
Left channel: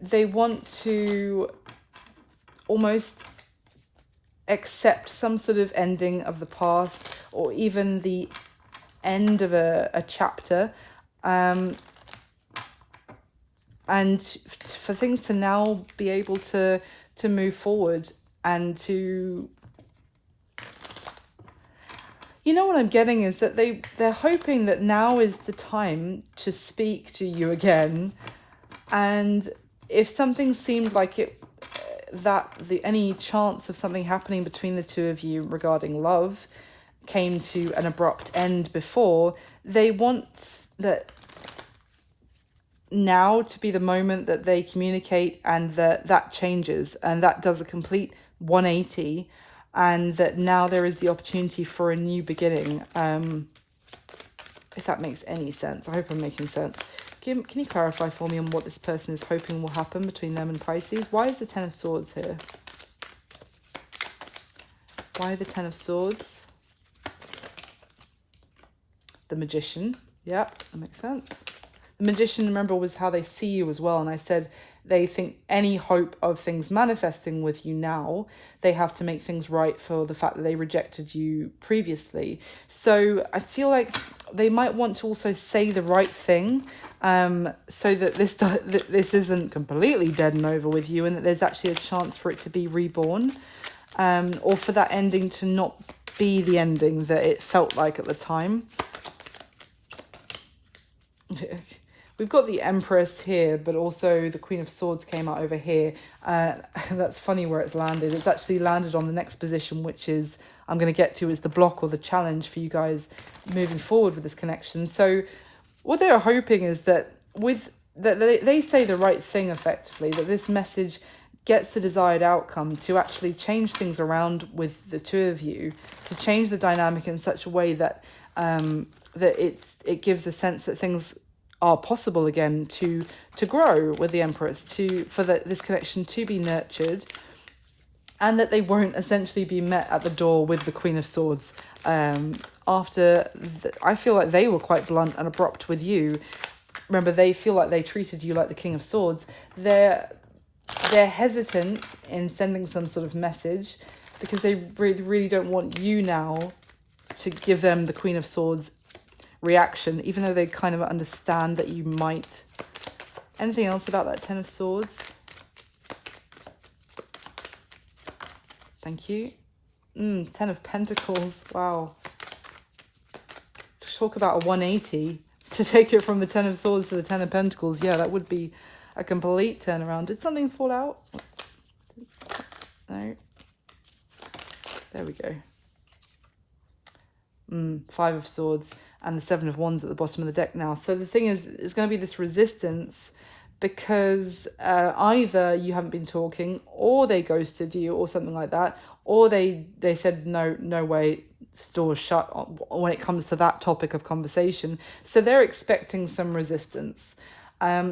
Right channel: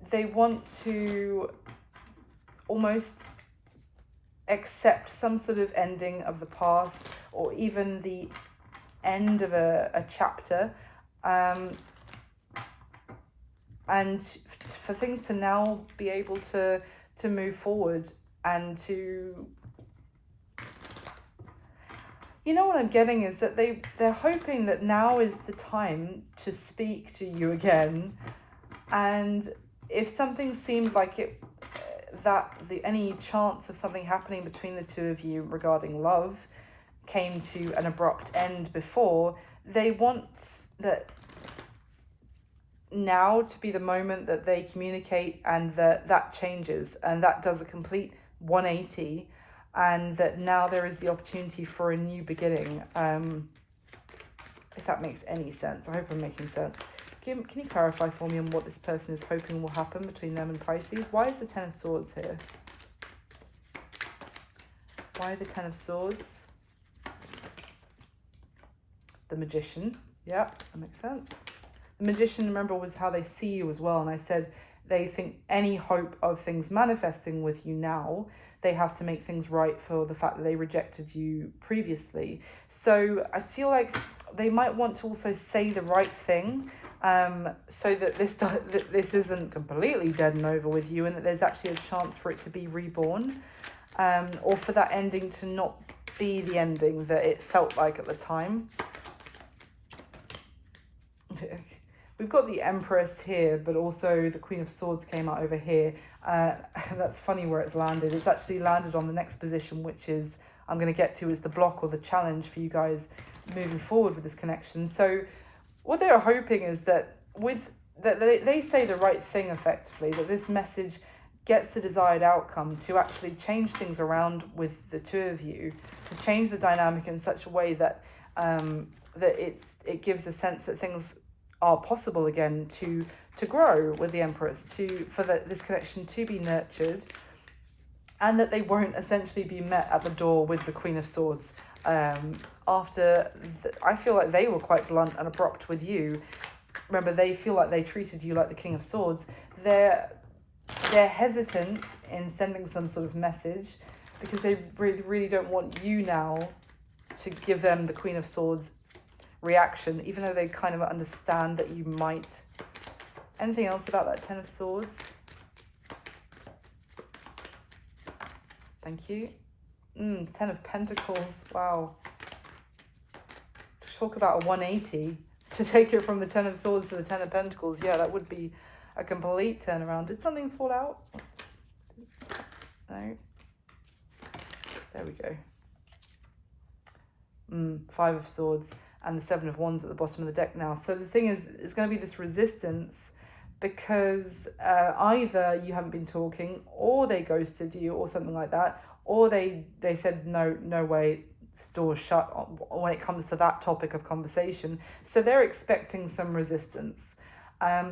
they want to almost accept some sort of ending of the past, or even the end of a chapter, and for things to now be able to move forward and to, you know, what I'm getting is that they're hoping that now is the time to speak to you again. And if something seemed like it, that any chance of something happening between the two of you regarding love came to an abrupt end before, they want that now to be the moment that they communicate, and that changes, and that does a complete 180, and that now there is the opportunity for a new beginning. If that makes any sense. I hope I'm making sense. Can you clarify for me on what this person is hoping will happen between them and Pisces? Why is the Ten of Swords here? Why the Ten of Swords? The Magician. Yeah, that makes sense. The Magician, remember, was how they see you as well. And I said they think any hope of things manifesting with you now, they have to make things right for the fact that they rejected you previously. So I feel like they might want to also say the right thing, so that this isn't completely dead and over with you, and that there's actually a chance for it to be reborn, or for that ending to not be the ending that it felt like at the time. We've got the Empress here, but also the Queen of Swords came out over here. That's funny where it's landed. It's actually landed on the next position, which is, I'm going to get to, is the block or the challenge for you guys moving forward with this connection. So what they're hoping is that they say the right thing effectively, that this message gets the desired outcome to actually change things around with the two of you, to change the dynamic in such a way that it gives a sense that things are possible again, to grow with the Empress, for this connection to be nurtured, and that they won't essentially be met at the door with the Queen of Swords. I feel like they were quite blunt and abrupt with you. Remember, they feel like they treated you like the King of Swords. They're hesitant in sending some sort of message because they really, really don't want you now to give them the Queen of Swords reaction, even though they kind of understand that you might. Anything else about that Ten of Swords? Thank you. Ten of Pentacles. Wow. Talk about a 180 to take it from the Ten of Swords to the Ten of Pentacles. Yeah, that would be a complete turnaround. Did something fall out? No. There we go. Five of Swords and the Seven of Wands at the bottom of the deck now. So the thing is, it's going to be this resistance because either you haven't been talking, or they ghosted you, or something like that, or they said no way, doors shut when it comes to that topic of conversation. So they're expecting some resistance.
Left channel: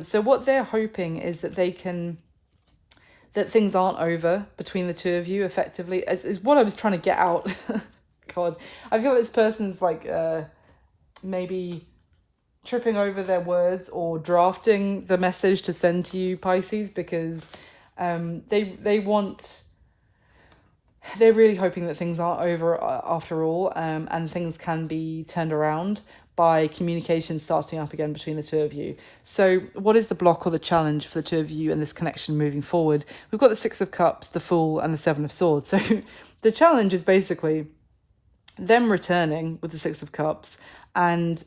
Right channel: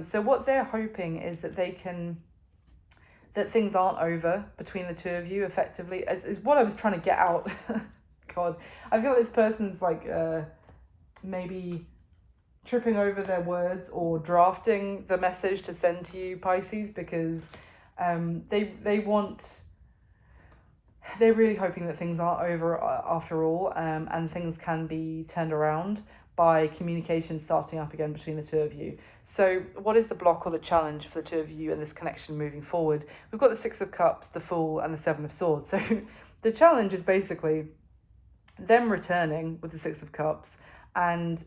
So what they're hoping is that that things aren't over between the two of you effectively, is what I was trying to get out. God, I feel like this person's like maybe tripping over their words or drafting the message to send to you, Pisces, because they're really hoping that things aren't over after all, and things can be turned around by communication starting up again between the two of you. So what is the block or the challenge for the two of you and this connection moving forward? We've got the Six of Cups, the Fool, and the Seven of Swords. So the challenge is basically them returning with the Six of Cups, and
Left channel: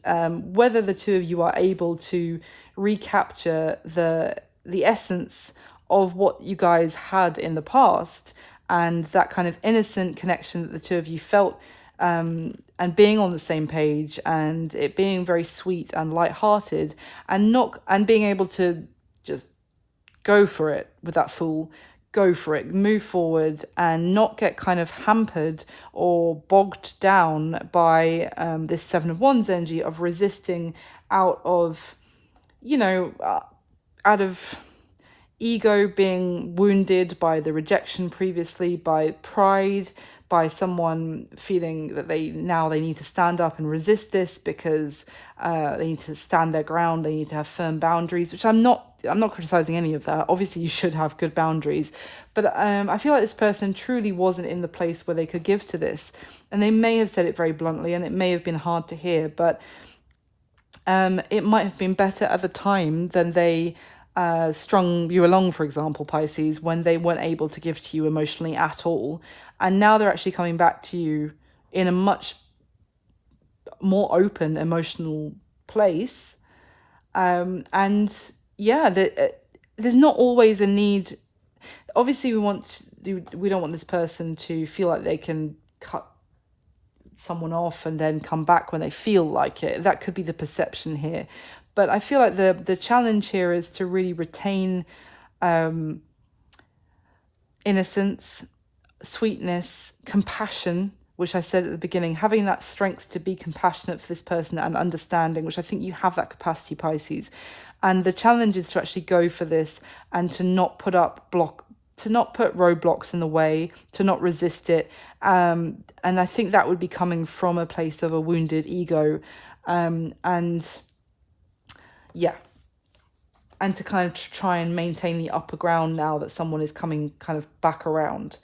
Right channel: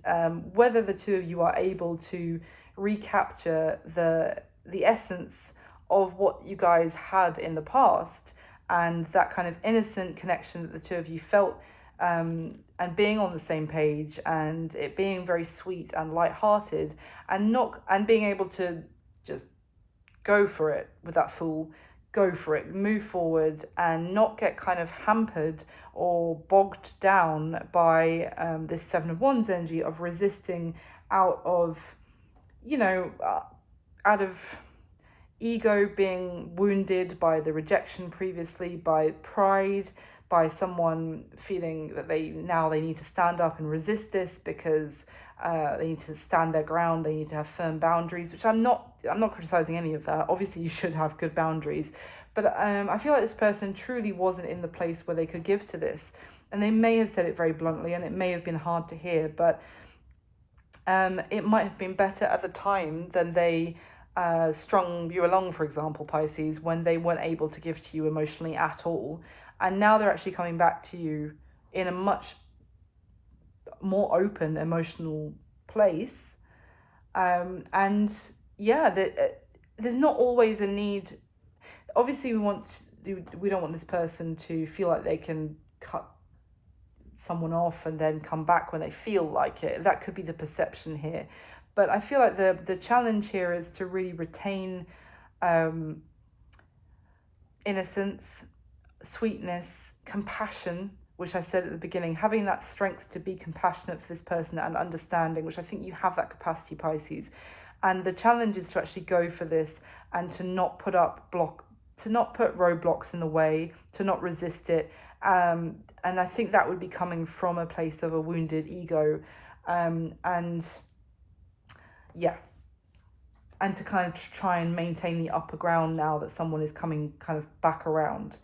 whether the two of you are able to recapture the essence of what you guys had in the past, and that kind of innocent connection that the two of you felt, and being on the same page, and it being very sweet and lighthearted, and being able to just go for it with that Fool. Go for it, move forward, and not get kind of hampered or bogged down by this Seven of Wands energy of resisting out of ego, being wounded by the rejection previously, by pride, by someone feeling that they need to stand up and resist this because they need to stand their ground, they need to have firm boundaries, which I'm not criticizing any of that. Obviously you should have good boundaries, but I feel like this person truly wasn't in the place where they could give to this, And they may have said it very bluntly, and it may have been hard to hear, but it might have been better at the time than they strung you along, for example, Pisces, when they weren't able to give to you emotionally at all. And now they're actually coming back to you in a much more open emotional place. And yeah, there's not always a need. Obviously, we don't want this person to feel like they can cut someone off and then come back when they feel like it. That could be the perception here. But I feel like the challenge here is to really retain innocence, sweetness, compassion, which I said at the beginning, having that strength to be compassionate for this person and understanding, which I think you have that capacity, Pisces. And the challenge is to actually go for this and to not put roadblocks in the way, to not resist it. And I think that would be coming from a place of a wounded ego. And yeah, and to kind of try and maintain the upper ground now that someone is coming kind of back around.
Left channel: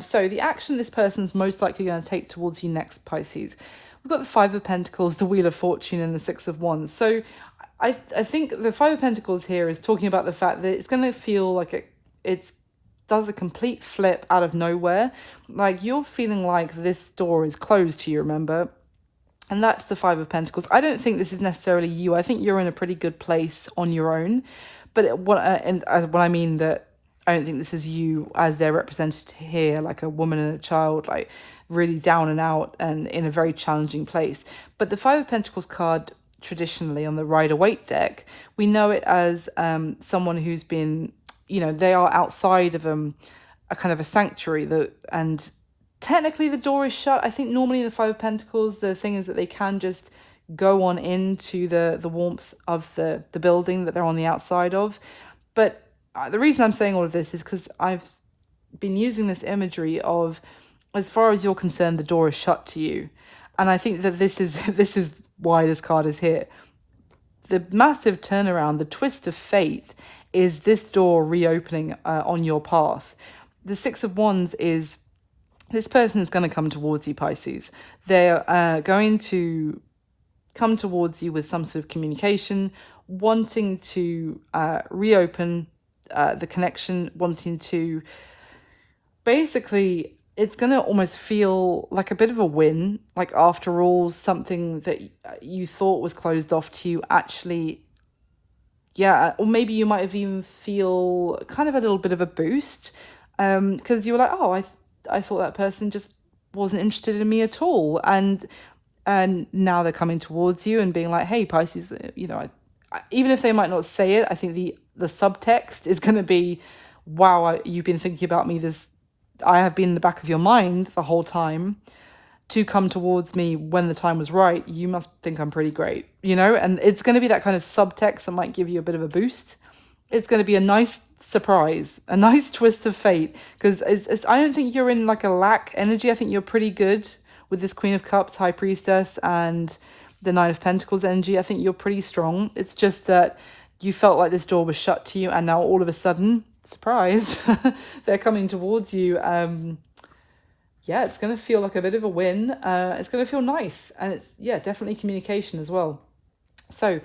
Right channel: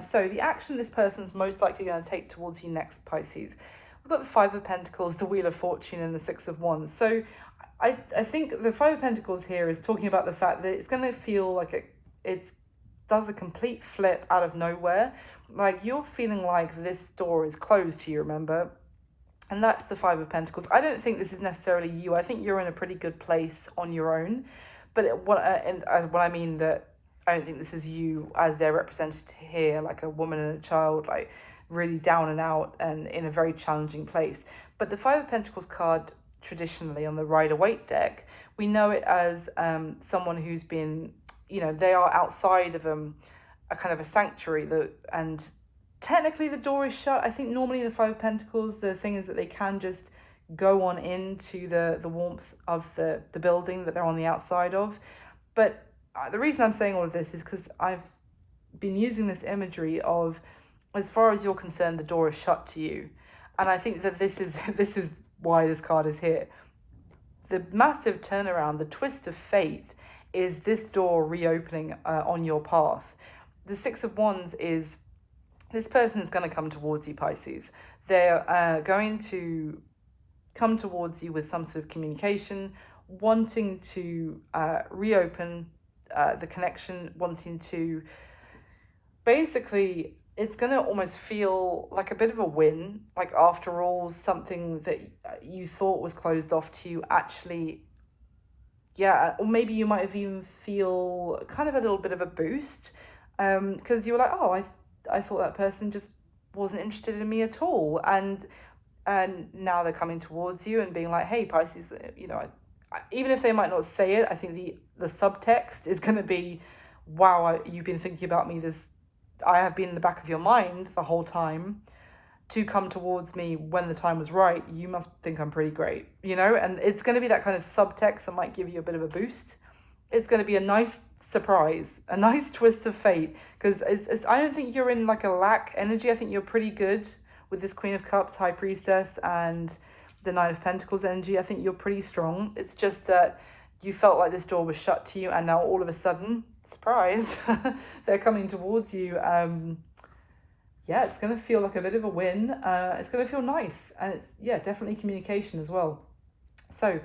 So the action this person's most likely going to take towards you next, Pisces. We've got the Five of Pentacles, the Wheel of Fortune, and the Six of Wands. So I think the Five of Pentacles here is talking about the fact that it's going to feel like it does a complete flip out of nowhere. Like you're feeling like this door is closed to you, remember? And that's the Five of Pentacles. I don't think this is necessarily you. I think you're in a pretty good place on your own. But when I mean that, I don't think this is you as they're represented here, like a woman and a child, like really down and out and in a very challenging place. But the Five of Pentacles card, traditionally on the Rider-Waite deck, we know it as someone who's been, they are outside of a kind of a sanctuary, and technically the door is shut. I think normally in the Five of Pentacles, the thing is that they can just go on into the warmth of the building that they're on the outside of. But the reason I'm saying all of this is because I've been using this imagery of, as far as you're concerned, the door is shut to you. And I think that this is why this card is here. The massive turnaround, the twist of fate, is this door reopening on your path. The Six of Wands is, this person is going to come towards you, Pisces. They're going to come towards you with some sort of communication, wanting to reopen the connection, wanting to basically, it's going to almost feel like a bit of a win. Like after all, something that you thought was closed off to you actually, yeah, or maybe you might have even feel kind of a little bit of a boost because you were like, oh, I thought that person just wasn't interested in me at all. And now they're coming towards you and being like, hey, Pisces, even if they might not say it, I think the subtext is going to be, wow, you've been thinking about me. I have been in the back of your mind the whole time to come towards me when the time was right. You must think I'm pretty great, and it's going to be that kind of subtext that might give you a bit of a boost. It's going to be a nice surprise, a nice twist of fate, because I don't think you're in like a lack energy. I think you're pretty good with this Queen of Cups, High Priestess, and the Nine of Pentacles energy. I think you're pretty strong. It's just that you felt like this door was shut to you, and now all of a sudden, surprise, they're coming towards you. Yeah, it's going to feel like a bit of a win. It's going to feel nice, and it's, yeah, definitely communication as well. So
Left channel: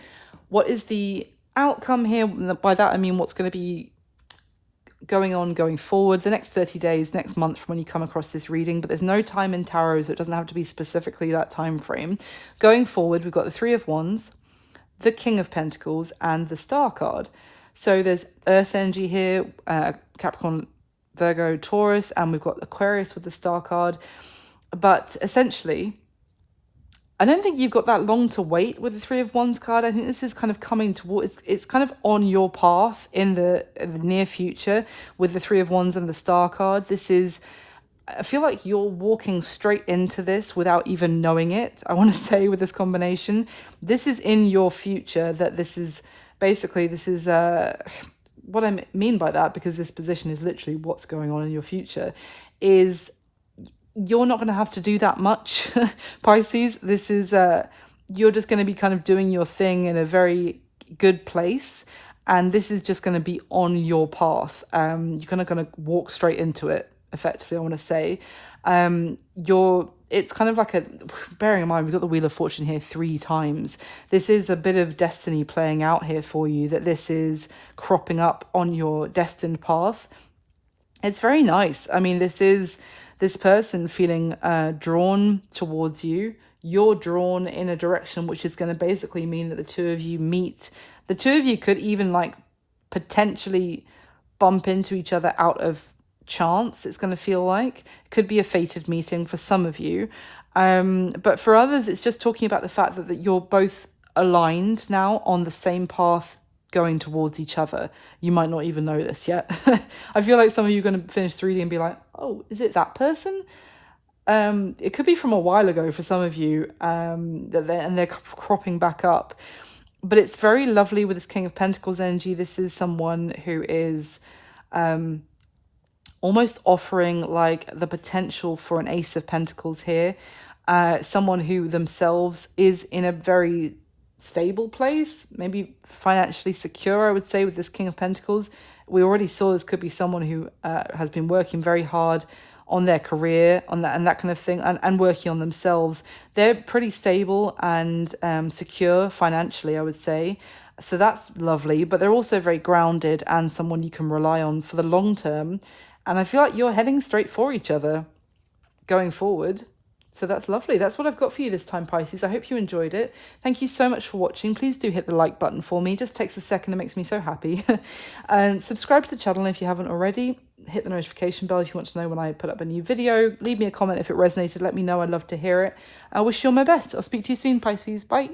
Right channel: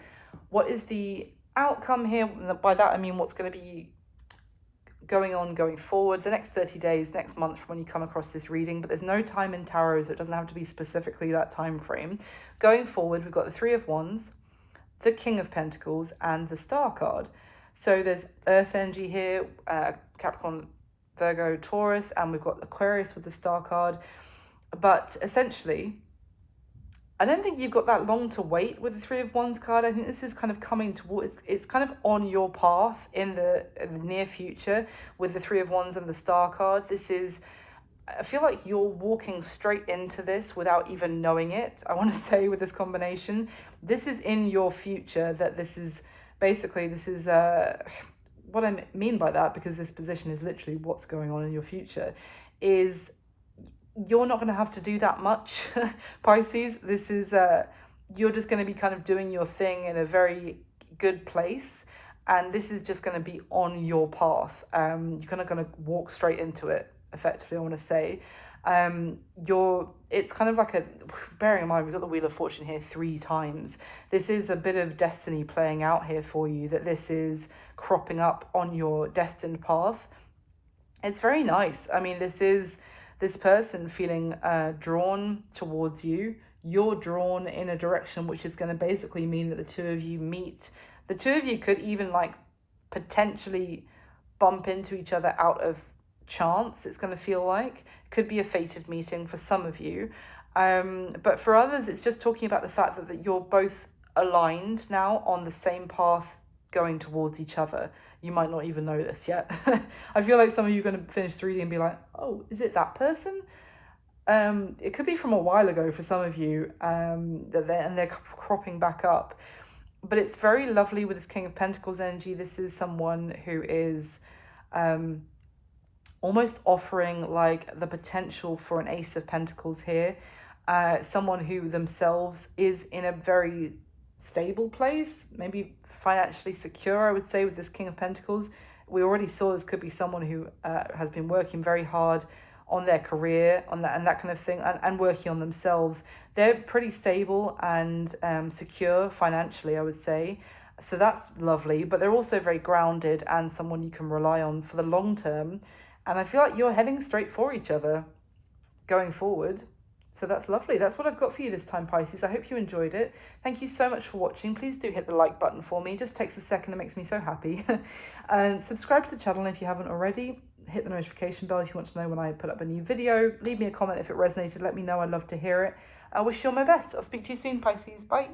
what is the outcome here? By that I mean what's going to be going forward the next 30 days, next month from when you come across this reading. But there's no time in tarot, so it doesn't have to be specifically that time frame. Going forward, we've got the Three of Wands, the King of Pentacles, and the Star card. So there's earth energy here, Capricorn, Virgo, Taurus, and we've got Aquarius with the Star card. But essentially, I don't think you've got that long to wait with the Three of Wands card. I think this is kind of coming towards, it's kind of on your path in the near future with the Three of Wands and the Star card. I feel like you're walking straight into this without even knowing it. I want to say with this combination, this is in your future, that this is what I mean by that, because this position is literally what's going on in your future, is you're not going to have to do that much, Pisces. This is, you're just going to be kind of doing your thing in a very good place. And this is just going to be on your path. You're going to walk straight into it. effectively, I want to say. It's kind of like a, bearing in mind we've got the Wheel of Fortune here 3 times. This is a bit of destiny playing out here for you, that this is cropping up on your destined path. It's very nice. I mean, this is this person feeling drawn towards you. You're drawn in a direction which is going to basically mean that the two of you meet. The two of you could even like potentially bump into each other out of chance. It's going to feel like it could be a fated meeting for some of you, but for others it's just talking about the fact that you're both aligned now on the same path, going towards each other. You might not even know this yet. I feel like some of you are going to finish 3D and be like, oh, is it that person? It could be from a while ago for some of you, and they're cropping back up. But it's very lovely with this King of Pentacles energy. This is someone who is almost offering like the potential for an Ace of Pentacles here. Someone who themselves is in a very stable place, maybe financially secure, I would say, with this King of Pentacles. We already saw this could be someone who has been working very hard on their career, on that and that kind of thing, and working on themselves. They're pretty stable and secure financially, I would say. So that's lovely, but they're also very grounded and someone you can rely on for the long term. And I feel like you're heading straight for each other going forward. So that's lovely. That's what I've got for you this time, Pisces. I hope you enjoyed it. Thank you so much for watching. Please do hit the like button for me. It just takes a second. It makes me so happy. And subscribe to the channel if you haven't already. Hit the notification bell if you want to know when I put up a new video. Leave me a comment if it resonated. Let me know. I'd love to hear it. I wish you all my best. I'll speak to you soon, Pisces. Bye.